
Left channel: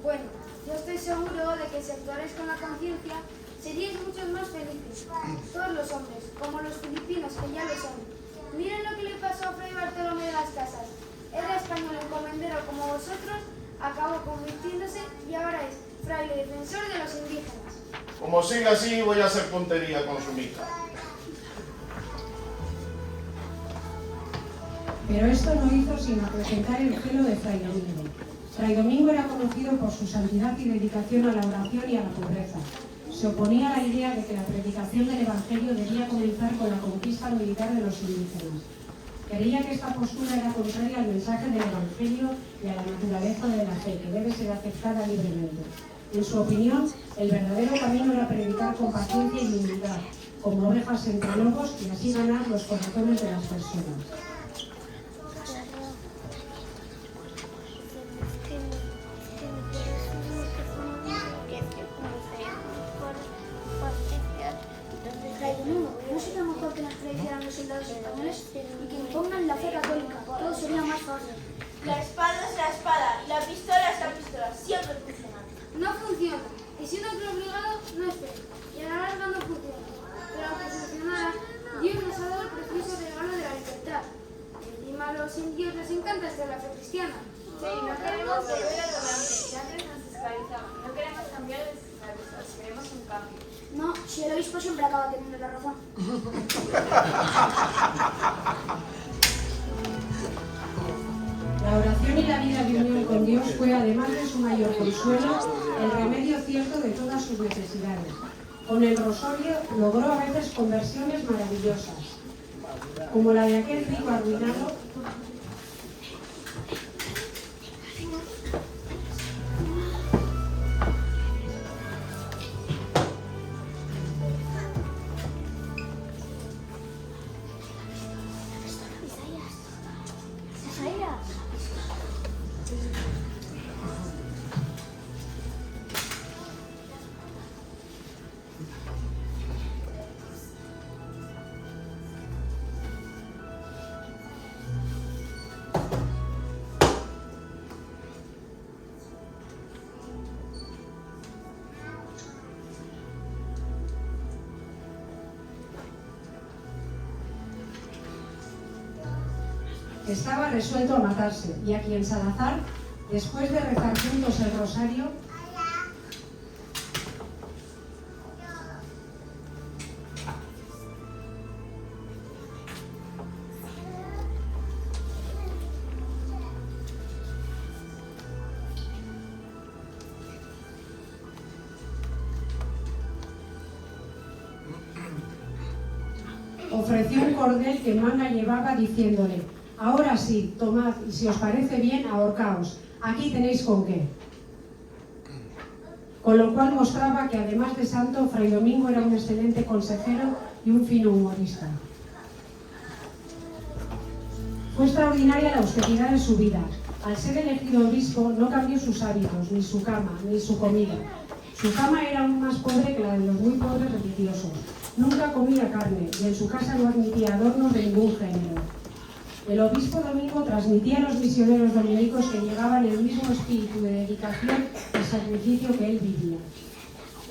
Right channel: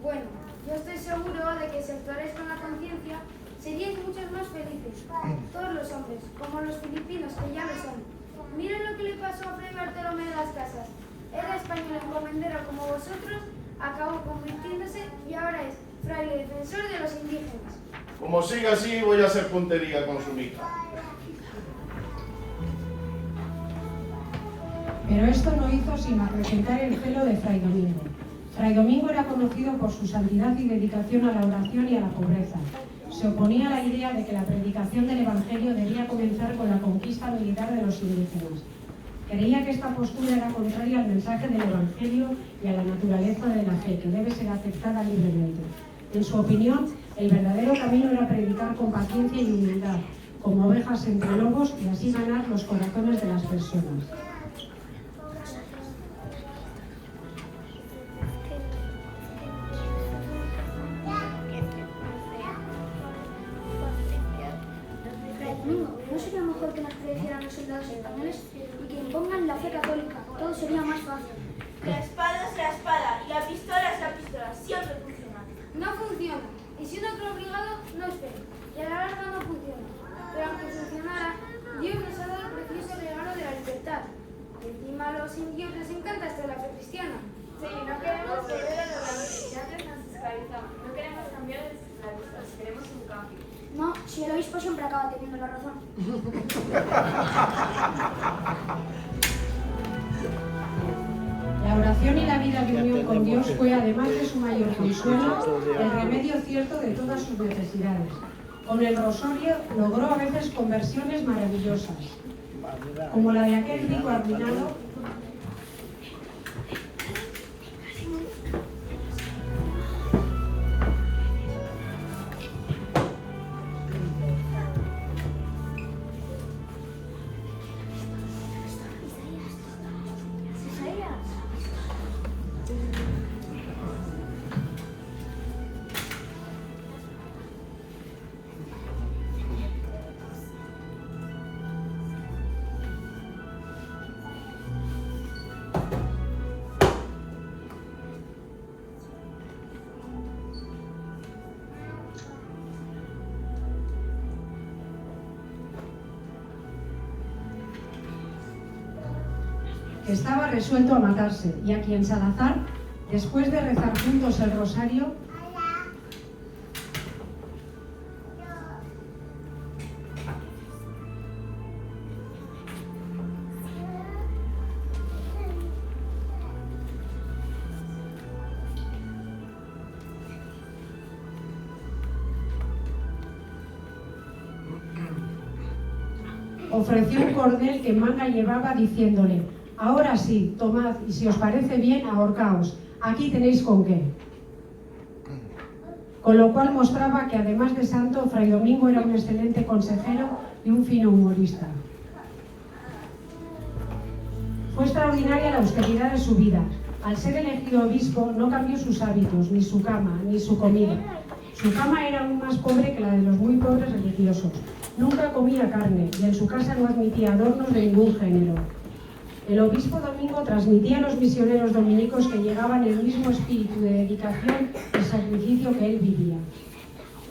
Bueno, yo estoy seguro de que si actuarais con la conciencia, seríais muchos más felices. Todos los hombres, como los filipinos, que ya lo son. Miren lo que le pasó a Fray Bartolomé de las Casas. Era español encomendero como vosotros, acabó convirtiéndose y ahora es fraile defensor de los indígenas. Como siga así, voy a hacer puntería con su mica. Pero esto no hizo sino acrecentar el celo de Fray Domingo. Fray Domingo era conocido por su santidad y dedicación a la oración y a la pobreza. Se oponía a la idea de que la predicación del Evangelio debía comenzar con la conquista militar de los indígenas. Creía que esta postura era contraria al mensaje del Evangelio y a la naturaleza de la fe, que debe ser aceptada libremente. En su opinión, el verdadero camino era predicar con paciencia y humildad, como ovejas entre lobos, y así ganar los corazones de las personas. ¿No sería mejor que nos predicieran los soldados españoles y que impongan la fe católica? Todo sería más fácil. La espada es la espada y la pistola es la pistola. Siempre funciona. No funciona. Y si uno es obligado, no es fe. Y a la larga no funciona. Pero aunque funcionara, Dios nos ha dado el precioso regalo de la libertad. Encima a los indios les encanta hasta la fe cristiana. Sí, no queremos volver a lo de antes. Ya antes nos esclavizaban. No queremos cambiar los esclavizados. Queremos un cambio. No, si el obispo siempre acaba teniendo la razón. La oración y la vida de unión con Dios fue, además de su mayor consuelo, el remedio cierto de todas sus necesidades. Con el rosario logró a veces conversiones maravillosas, como la de aquel rico arruinado. Que estaba resuelto a matarse, y a quien Salazar, después de rezar juntos el rosario, ofreció un cordel que Manga llevaba diciéndole: ahora sí, tomad, y si os parece bien, ahorcaos. Aquí tenéis con qué. Con lo cual mostraba que, además de santo, Fray Domingo era un excelente consejero y un fino humorista. Fue extraordinaria la austeridad de su vida. Al ser elegido obispo, no cambió sus hábitos, ni su cama, ni su comida. Su cama era aún más pobre que la de los muy pobres religiosos. Nunca comía carne y en su casa no admitía adornos de ningún género. El obispo Domingo transmitía a los misioneros dominicos que llegaban el mismo espíritu de dedicación y sacrificio que él vivía.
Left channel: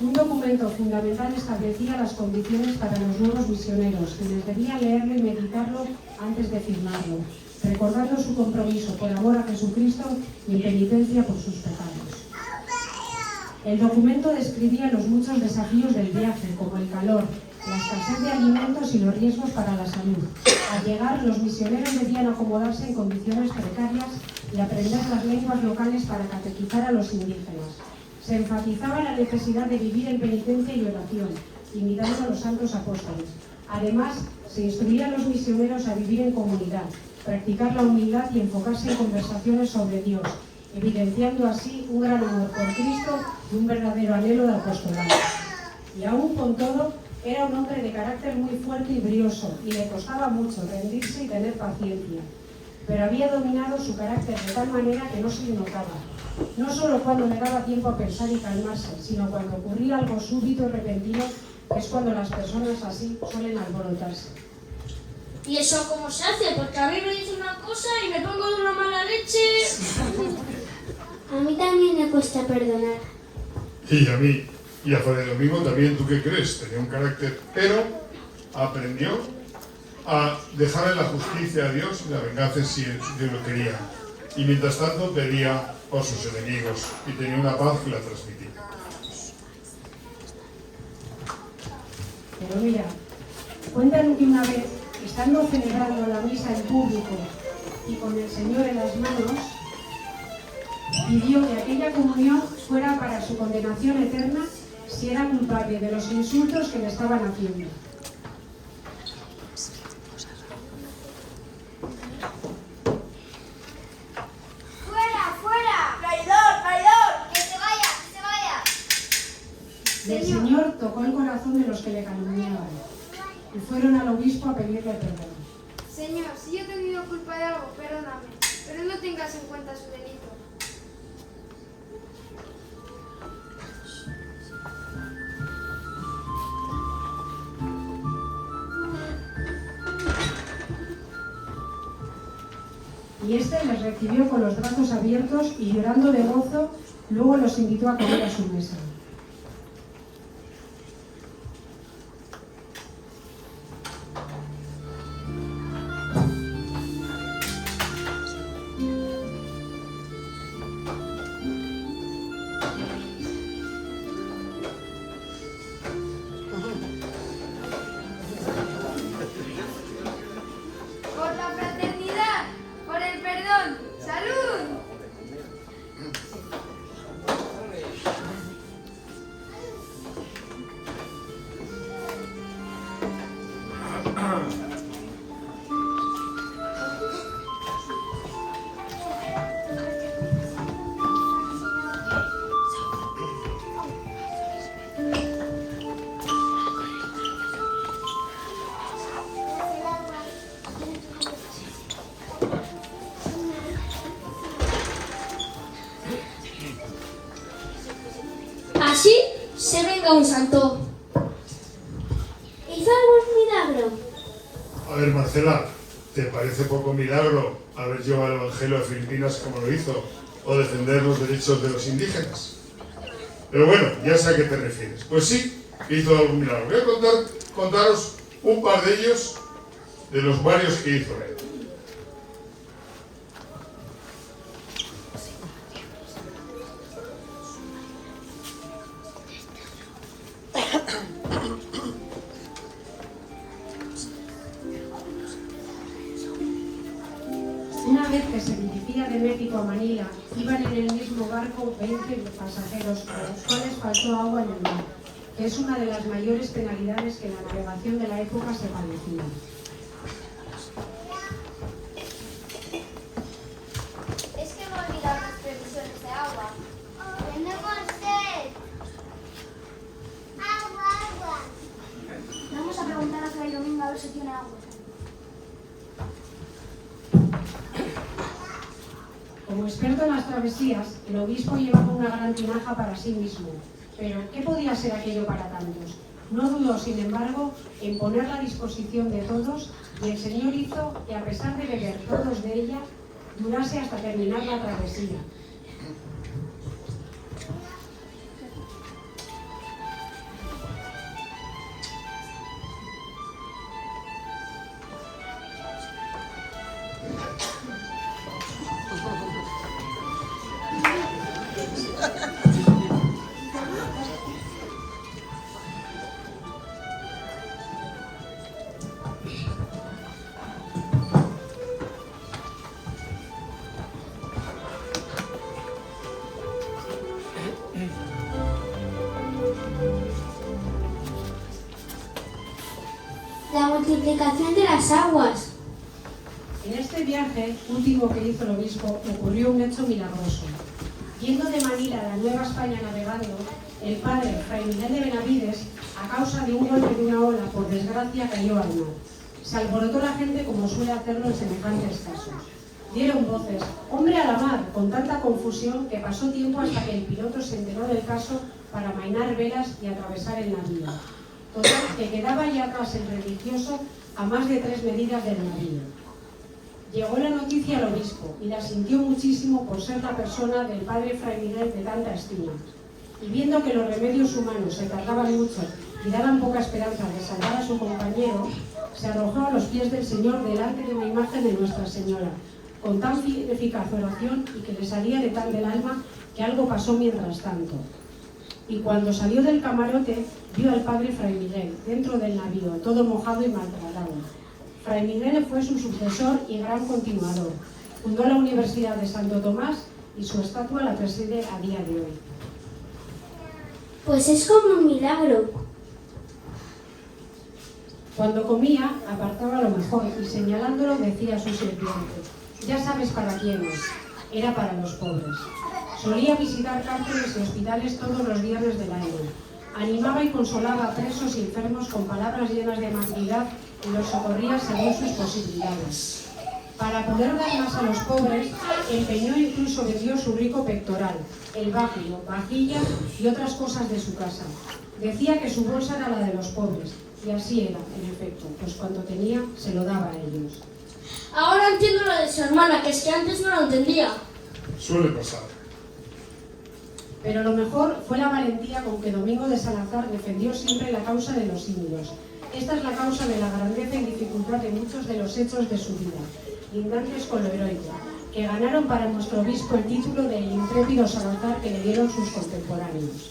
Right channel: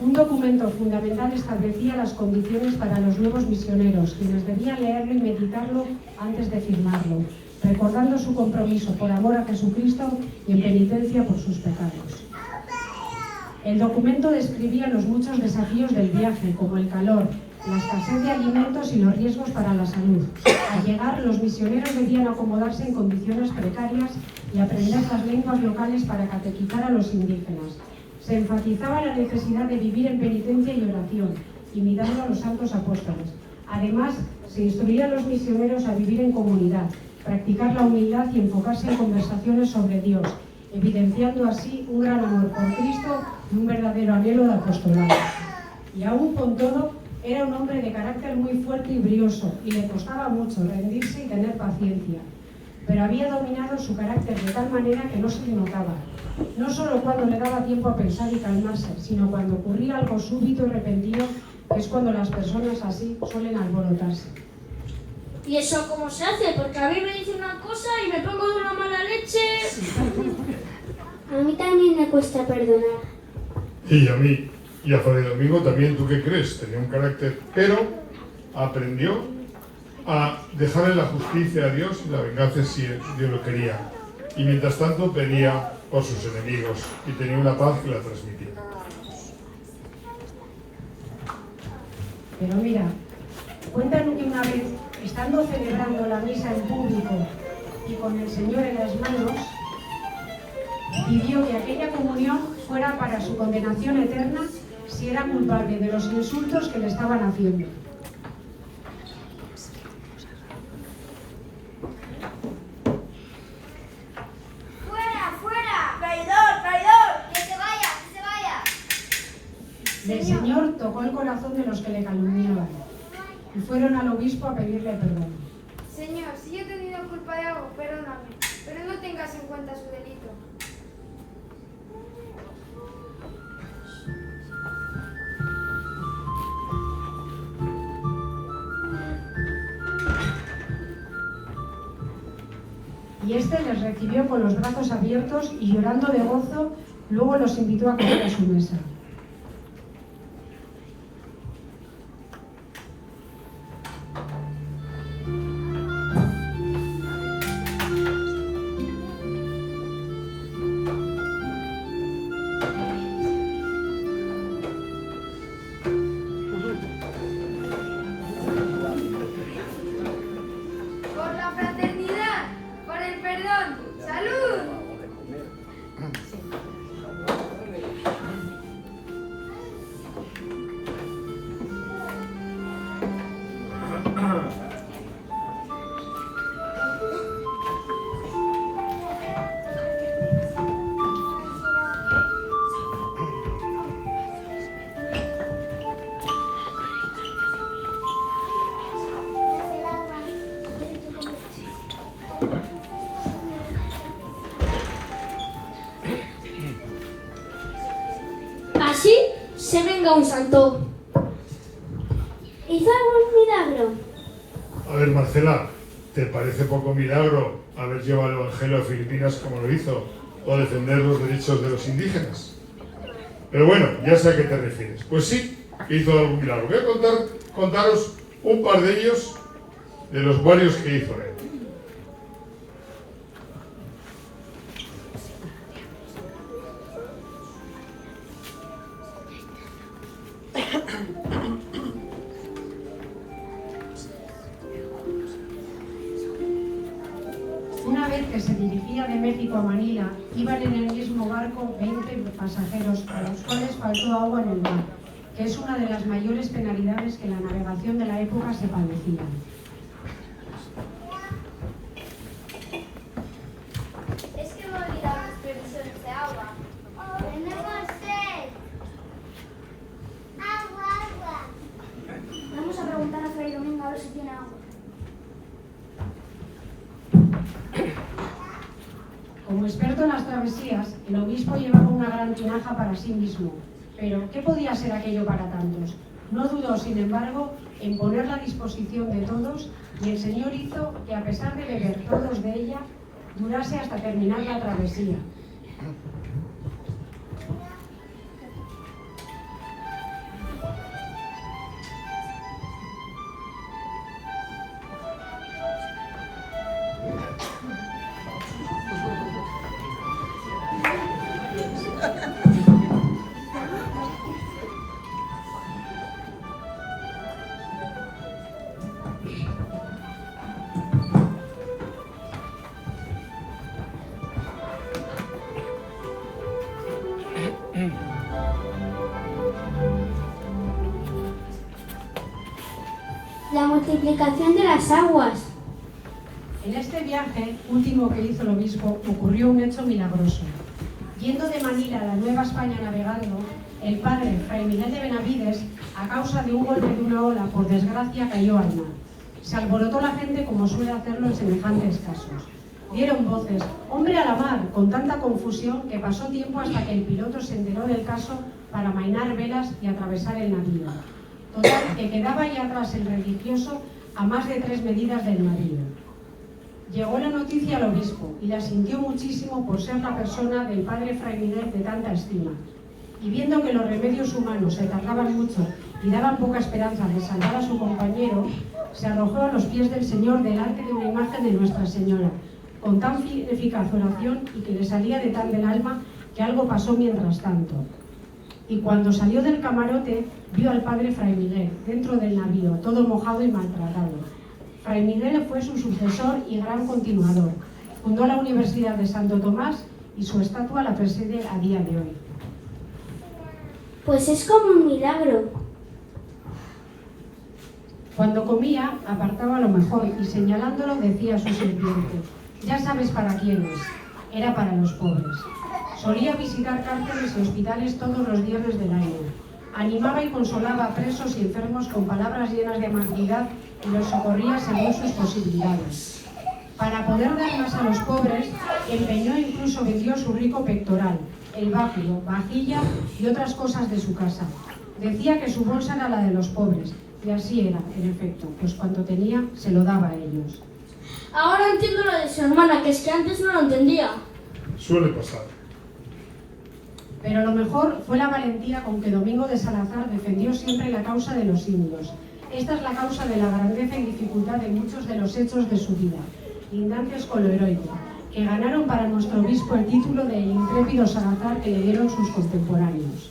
Un documento fundamental establecía las condiciones para los nuevos misioneros, quienes debían leerlo y meditarlo antes de firmarlo, recordando su compromiso por amor a Jesucristo y en penitencia por sus pecados. El documento describía los muchos desafíos del viaje, como el calor, la escasez de alimentos y los riesgos para la salud. Al llegar, los misioneros debían acomodarse en condiciones precarias y aprender las lenguas locales para catequizar a los indígenas. Se enfatizaba la necesidad de vivir en penitencia y oración, imitando a los santos apóstoles. Además, se instruía a los misioneros a vivir en comunidad, practicar la humildad y enfocarse en conversaciones sobre Dios, evidenciando así un gran amor por Cristo y un verdadero anhelo de apostolado. Y aún con todo, era un hombre de carácter muy fuerte y brioso, y le costaba mucho rendirse y tener paciencia. Pero había dominado su carácter de tal manera que no se le notaba. No solo cuando le daba tiempo a pensar y calmarse, sino cuando ocurría algo súbito y repentino, que es cuando las personas así suelen alborotarse. ¿Y eso cómo se hace? Porque a mí me dice una cosa y me pongo de una mala leche. A mí también me cuesta perdonar. Y a mí, y a Fray Domingo también, ¿tú qué crees? Tenía un carácter, pero aprendió a dejar en la justicia a Dios y la venganza si Dios lo quería. Y mientras tanto pedía por sus enemigos y tenía una paz que la transmitía. Pero mira, cuentan que una vez, estando celebrando la misa en público y con el Señor en las manos, pidió que aquella comunión fuera para su condenación eterna si era culpable de los insultos que le estaban haciendo. ¡Fuera, fuera! ¡Traidor, traidor! ¡Que se vaya, que se vaya! El Señor tocó el corazón de los que le calumniaban y fueron al obispo a pedirle perdón. Señor, si yo he tenido culpa de algo, perdóname, pero no tengas en cuenta su delito. Y este les recibió con los brazos abiertos y llorando de gozo, luego los invitó a comer a su mesa. Por la fraternidad, por el perdón, ¡salud! Así se venga un santo. ¿Hizo algún milagro? A ver, Marcela, ¿te parece poco milagro haber llevado el Evangelio a Filipinas como lo hizo o defender los derechos de los indígenas? Pero bueno, ya sé a qué te refieres. Pues sí, hizo algún milagro. Voy a contaros un par de ellos, de los varios que hizo él. Una vez que se dirigía de México a Manila, iban en el mismo barco 20 pasajeros, a los cuales faltó agua en el mar, que es una de las mayores penalidades que en la navegación de la época se padecía. Es que me he olvidado las previsiones de agua. ¡Tenemos sed! ¡Agua, agua! Vamos a preguntar a Fray Domingo a ver si tiene agua. Como experto en las travesías, el obispo llevaba una gran tinaja para sí mismo. Pero, ¿qué podía ser aquello para tantos? No dudó, sin embargo, en ponerla a disposición de todos, y el Señor hizo que, a pesar de beber todos de ella, durase hasta terminar la travesía. La multiplicación de las aguas. En este viaje último que hizo el obispo ocurrió un hecho milagroso. Yendo de Manila a la Nueva España navegando, el padre Fray Miguel de Benavides, a causa de un golpe de una ola, por desgracia, cayó al mar. Se alborotó la gente como suele hacerlo en semejantes casos. Dieron voces, ¡hombre a la mar!, con tanta confusión que pasó tiempo hasta que el piloto se enteró del caso para amainar velas y atravesar el navío. Total, que quedaba ya atrás el religioso a más de 3 medidas del navío. Llegó la noticia al obispo y la sintió muchísimo por ser la persona del padre Fray Miguel de tanta estima. Y viendo que los remedios humanos se tardaban mucho y daban poca esperanza de salvar a su compañero, se arrojó a los pies del Señor delante de una imagen de Nuestra Señora, con tan eficaz oración y que le salía de tan del alma que algo pasó mientras tanto. Y cuando salió del camarote, vio al padre Fray Miguel dentro del navío, todo mojado y maltratado. Fray Miguel fue su sucesor y gran continuador. Fundó la Universidad de Santo Tomás y su estatua la preside a día de hoy. Pues es como un milagro. Cuando comía, apartaba lo mejor y señalándolo decía a su sirviente, ya sabes para quién es, era para los pobres. Solía visitar cárceles y hospitales todos los viernes del año. Animaba y consolaba a presos y enfermos con palabras llenas de amabilidad y los socorría según sus posibilidades. Para poder dar más a los pobres, empeñó e incluso vendió su rico pectoral, el báculo, vajilla y otras cosas de su casa. Decía que su bolsa era la de los pobres, y así era, en efecto, pues cuanto tenía se lo daba a ellos. Ahora entiendo lo de su hermana, que es que antes no lo entendía. Suele pasar. Pero lo mejor fue la valentía con que Domingo de Salazar defendió siempre la causa de los indios. Esta es la causa de la grandeza y dificultad de muchos de los hechos de su vida, lindantes con lo heroico, que ganaron para nuestro obispo el título de intrépido Salazar que le dieron sus contemporáneos.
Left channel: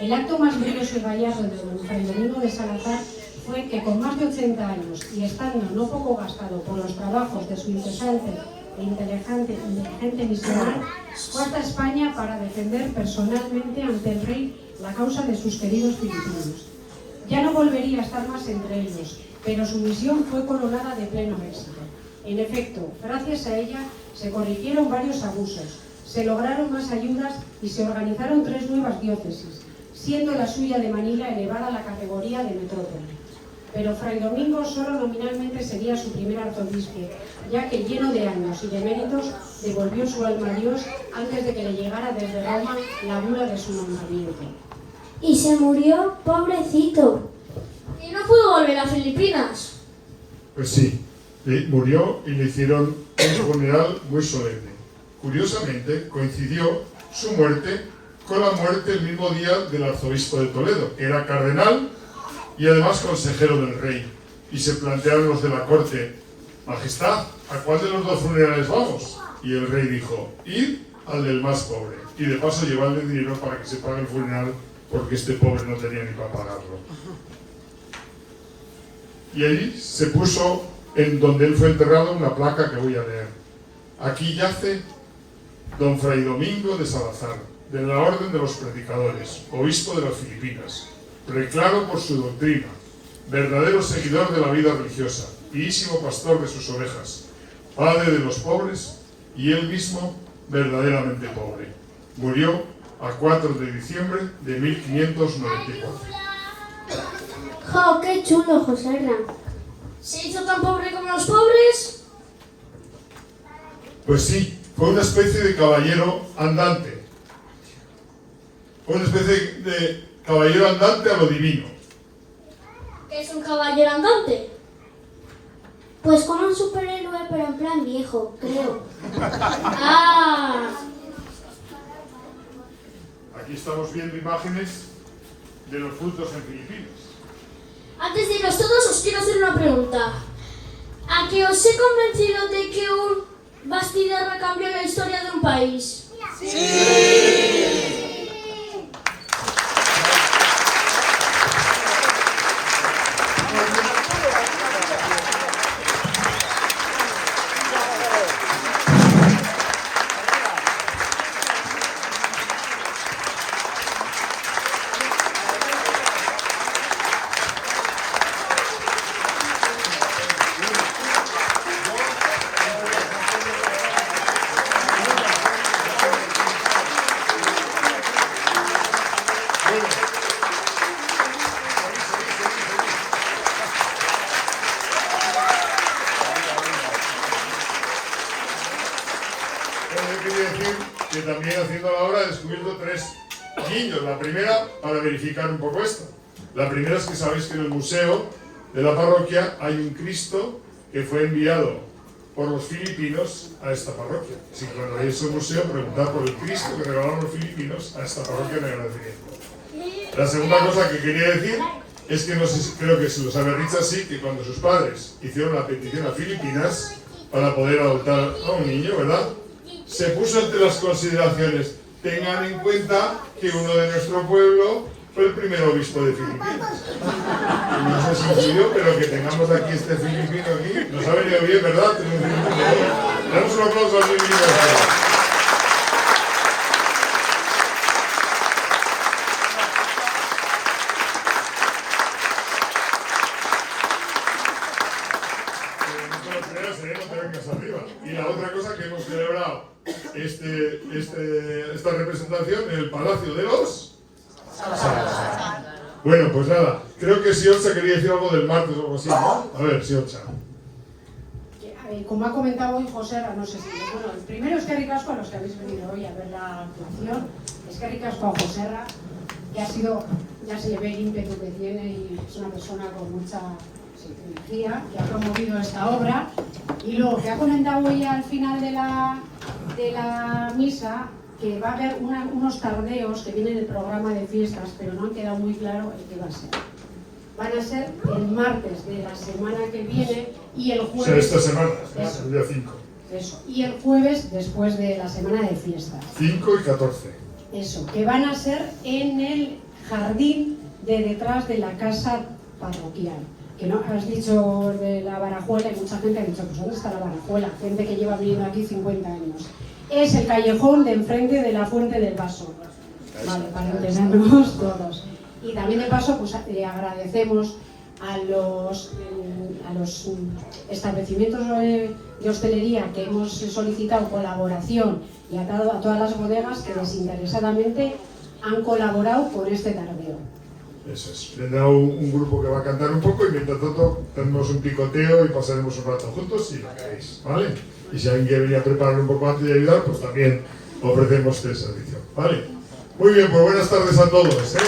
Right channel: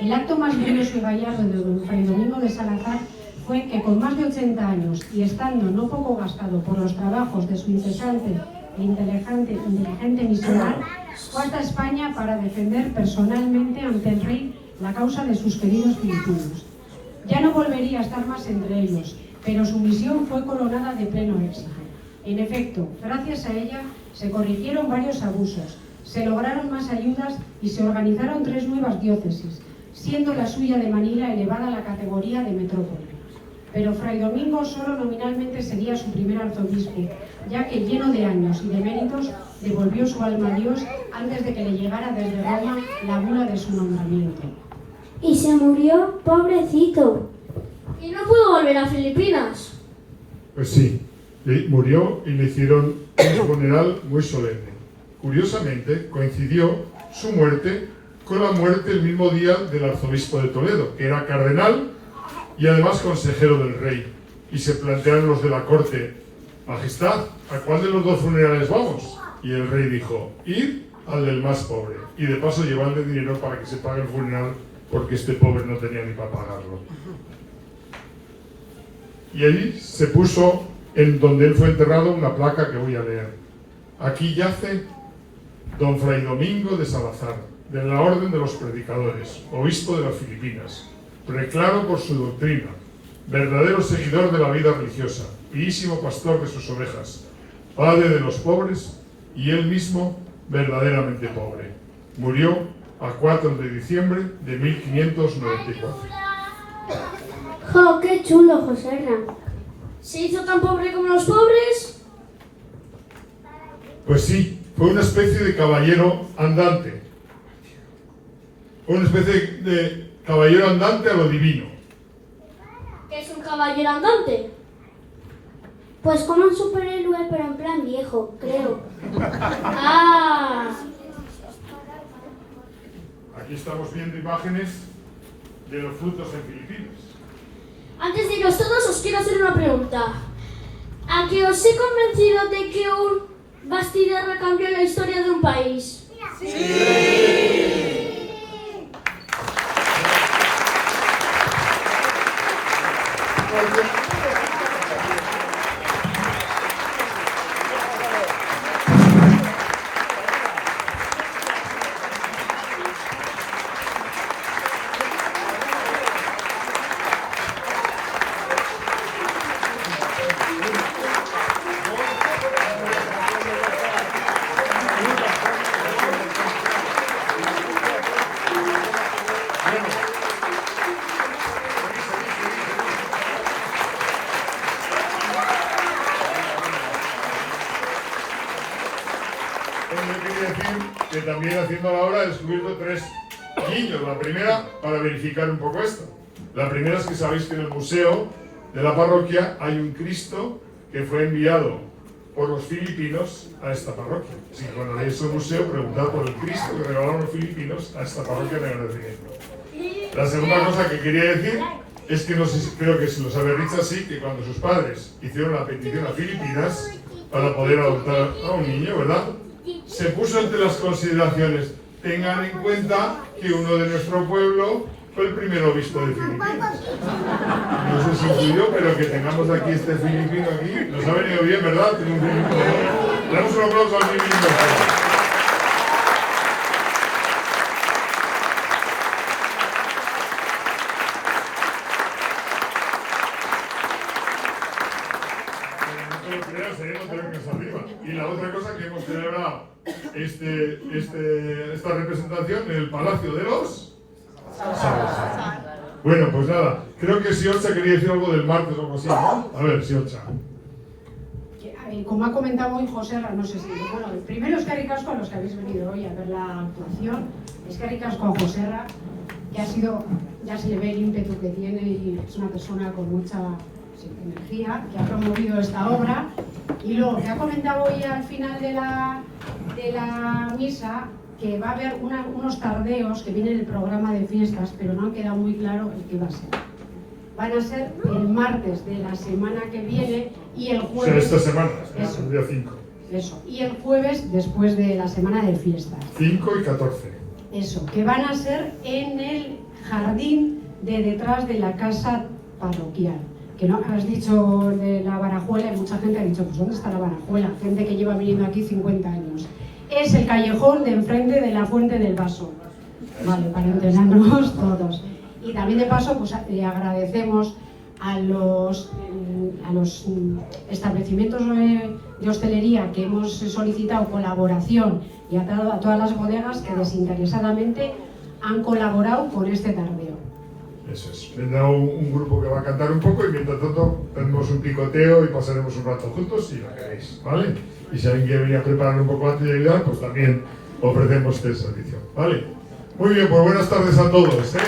El acto más glorioso y gallardo de don Fray Domingo de Salazar fue que con más de 80 años y estando no poco gastado por los trabajos de su incesante e inteligente misionero, fue hasta España para defender personalmente ante el rey la causa de sus queridos filipinos. Ya no volvería a estar más entre ellos, pero su misión fue coronada de pleno éxito. En efecto, gracias a ella se corrigieron varios abusos, se lograron más ayudas y se organizaron 3 nuevas diócesis, siendo la suya de Manila elevada a la categoría de metrópoli. Pero Fray Domingo solo nominalmente sería su primer arzobispo, ya que lleno de años y de méritos devolvió su alma a Dios antes de que le llegara desde Roma la bula de su nombramiento. Y se murió, pobrecito. Y no pudo volver a Filipinas. Pues sí, murió y le hicieron un funeral muy solemne. Curiosamente, coincidió su muerte con la muerte el mismo día del arzobispo de Toledo, que era cardenal y además consejero del rey. Y se plantearon los de la corte, Majestad, ¿a cuál de los 2 funerales vamos? Y el rey dijo, id al del más pobre. Y de paso llevarle dinero para que se pague el funeral, porque este pobre no tenía ni para pagarlo. Y ahí se puso, en donde él fue enterrado, una placa que voy a leer. Aquí yace don Fray Domingo de Salazar, de la Orden de los Predicadores, obispo de las Filipinas, preclaro por su doctrina, verdadero seguidor de la vida religiosa, fiísimo pastor de sus ovejas, padre de los pobres y él mismo verdaderamente pobre. Murió a 4 de diciembre de 1594. ¡Jo, qué chulo, José Hernán! ¿Se hizo tan pobre como los pobres? Pues sí, fue una especie de caballero andante. Fue una especie de caballero andante a lo divino. ¿Qué es un caballero andante? Pues como un superhéroe, pero en plan viejo, creo. Ah, Aquí estamos viendo imágenes de los frutos en Filipinas. antes de iros todos os quiero hacer una pregunta. ¿A que os he convencido de que un bastidor va a cambiar la historia de un país? Yo quería decir que también haciendo la obra he descubierto 3 guiños. La primera, para verificar un poco esto. La primera es que sabéis que en el museo de la parroquia hay un Cristo que fue enviado por los filipinos a esta parroquia. Si cuando veis un museo, preguntad por el Cristo que regalaron los filipinos a esta parroquia de agradecimiento. La segunda cosa que quería decir es que no sé si, creo que se los había dicho así, que cuando sus padres hicieron la petición a Filipinas para poder adoptar a un niño, ¿verdad? Se puso entre las consideraciones, tengan en cuenta que uno de nuestro pueblo fue el primer obispo de Filipinas. No sé si es yo, pero que tengamos aquí este filipino aquí, nos ha venido bien, ¿verdad? Damos un aplauso al filipino. Y la otra cosa que hemos celebrado esta representación en el Palacio de los Salazar. Bueno, pues nada, creo que Siorcha quería decir algo del martes o algo así, ¿no? A ver, Siorcha. Como ha comentado hoy José, no sé si... Bueno, primero es que ricasco a los que habéis venido hoy a ver la actuación. Es que ricasco a José, ya se le ve el ímpetu que tiene y es una persona con mucha energía que ha promovido esta obra. Y luego que ha comentado hoy al final de la misa que va a haber unos tardeos que vienen en el programa de fiestas, pero no han quedado muy claro el que va a ser. Van a ser el martes de la semana que viene y el jueves... O sea, esta semana, el día 5. Eso, y el jueves después de la semana de fiestas. 5 y 14. Eso, que van a ser en el jardín de detrás de la casa parroquial. Que no has dicho de la Barajuela y mucha gente ha dicho, pues ¿dónde está la Barajuela? Gente que lleva viniendo aquí 50 años. Es el callejón de enfrente de la Fuente del Vaso. Vale, para entendernos todos. Y también de paso, pues agradecemos a los establecimientos de hostelería que hemos solicitado colaboración y a todas las bodegas que desinteresadamente han colaborado con este tardeo. Eso es. Tendrá un grupo que va a cantar un poco y mientras tanto tendremos un picoteo y pasaremos un rato juntos si lo queréis, ¿vale? Y si alguien quiere venir a preparar un poco antes de ayudar, pues también ofrecemos este servicio, ¿vale? Muy bien, pues buenas tardes a todos, ¿eh?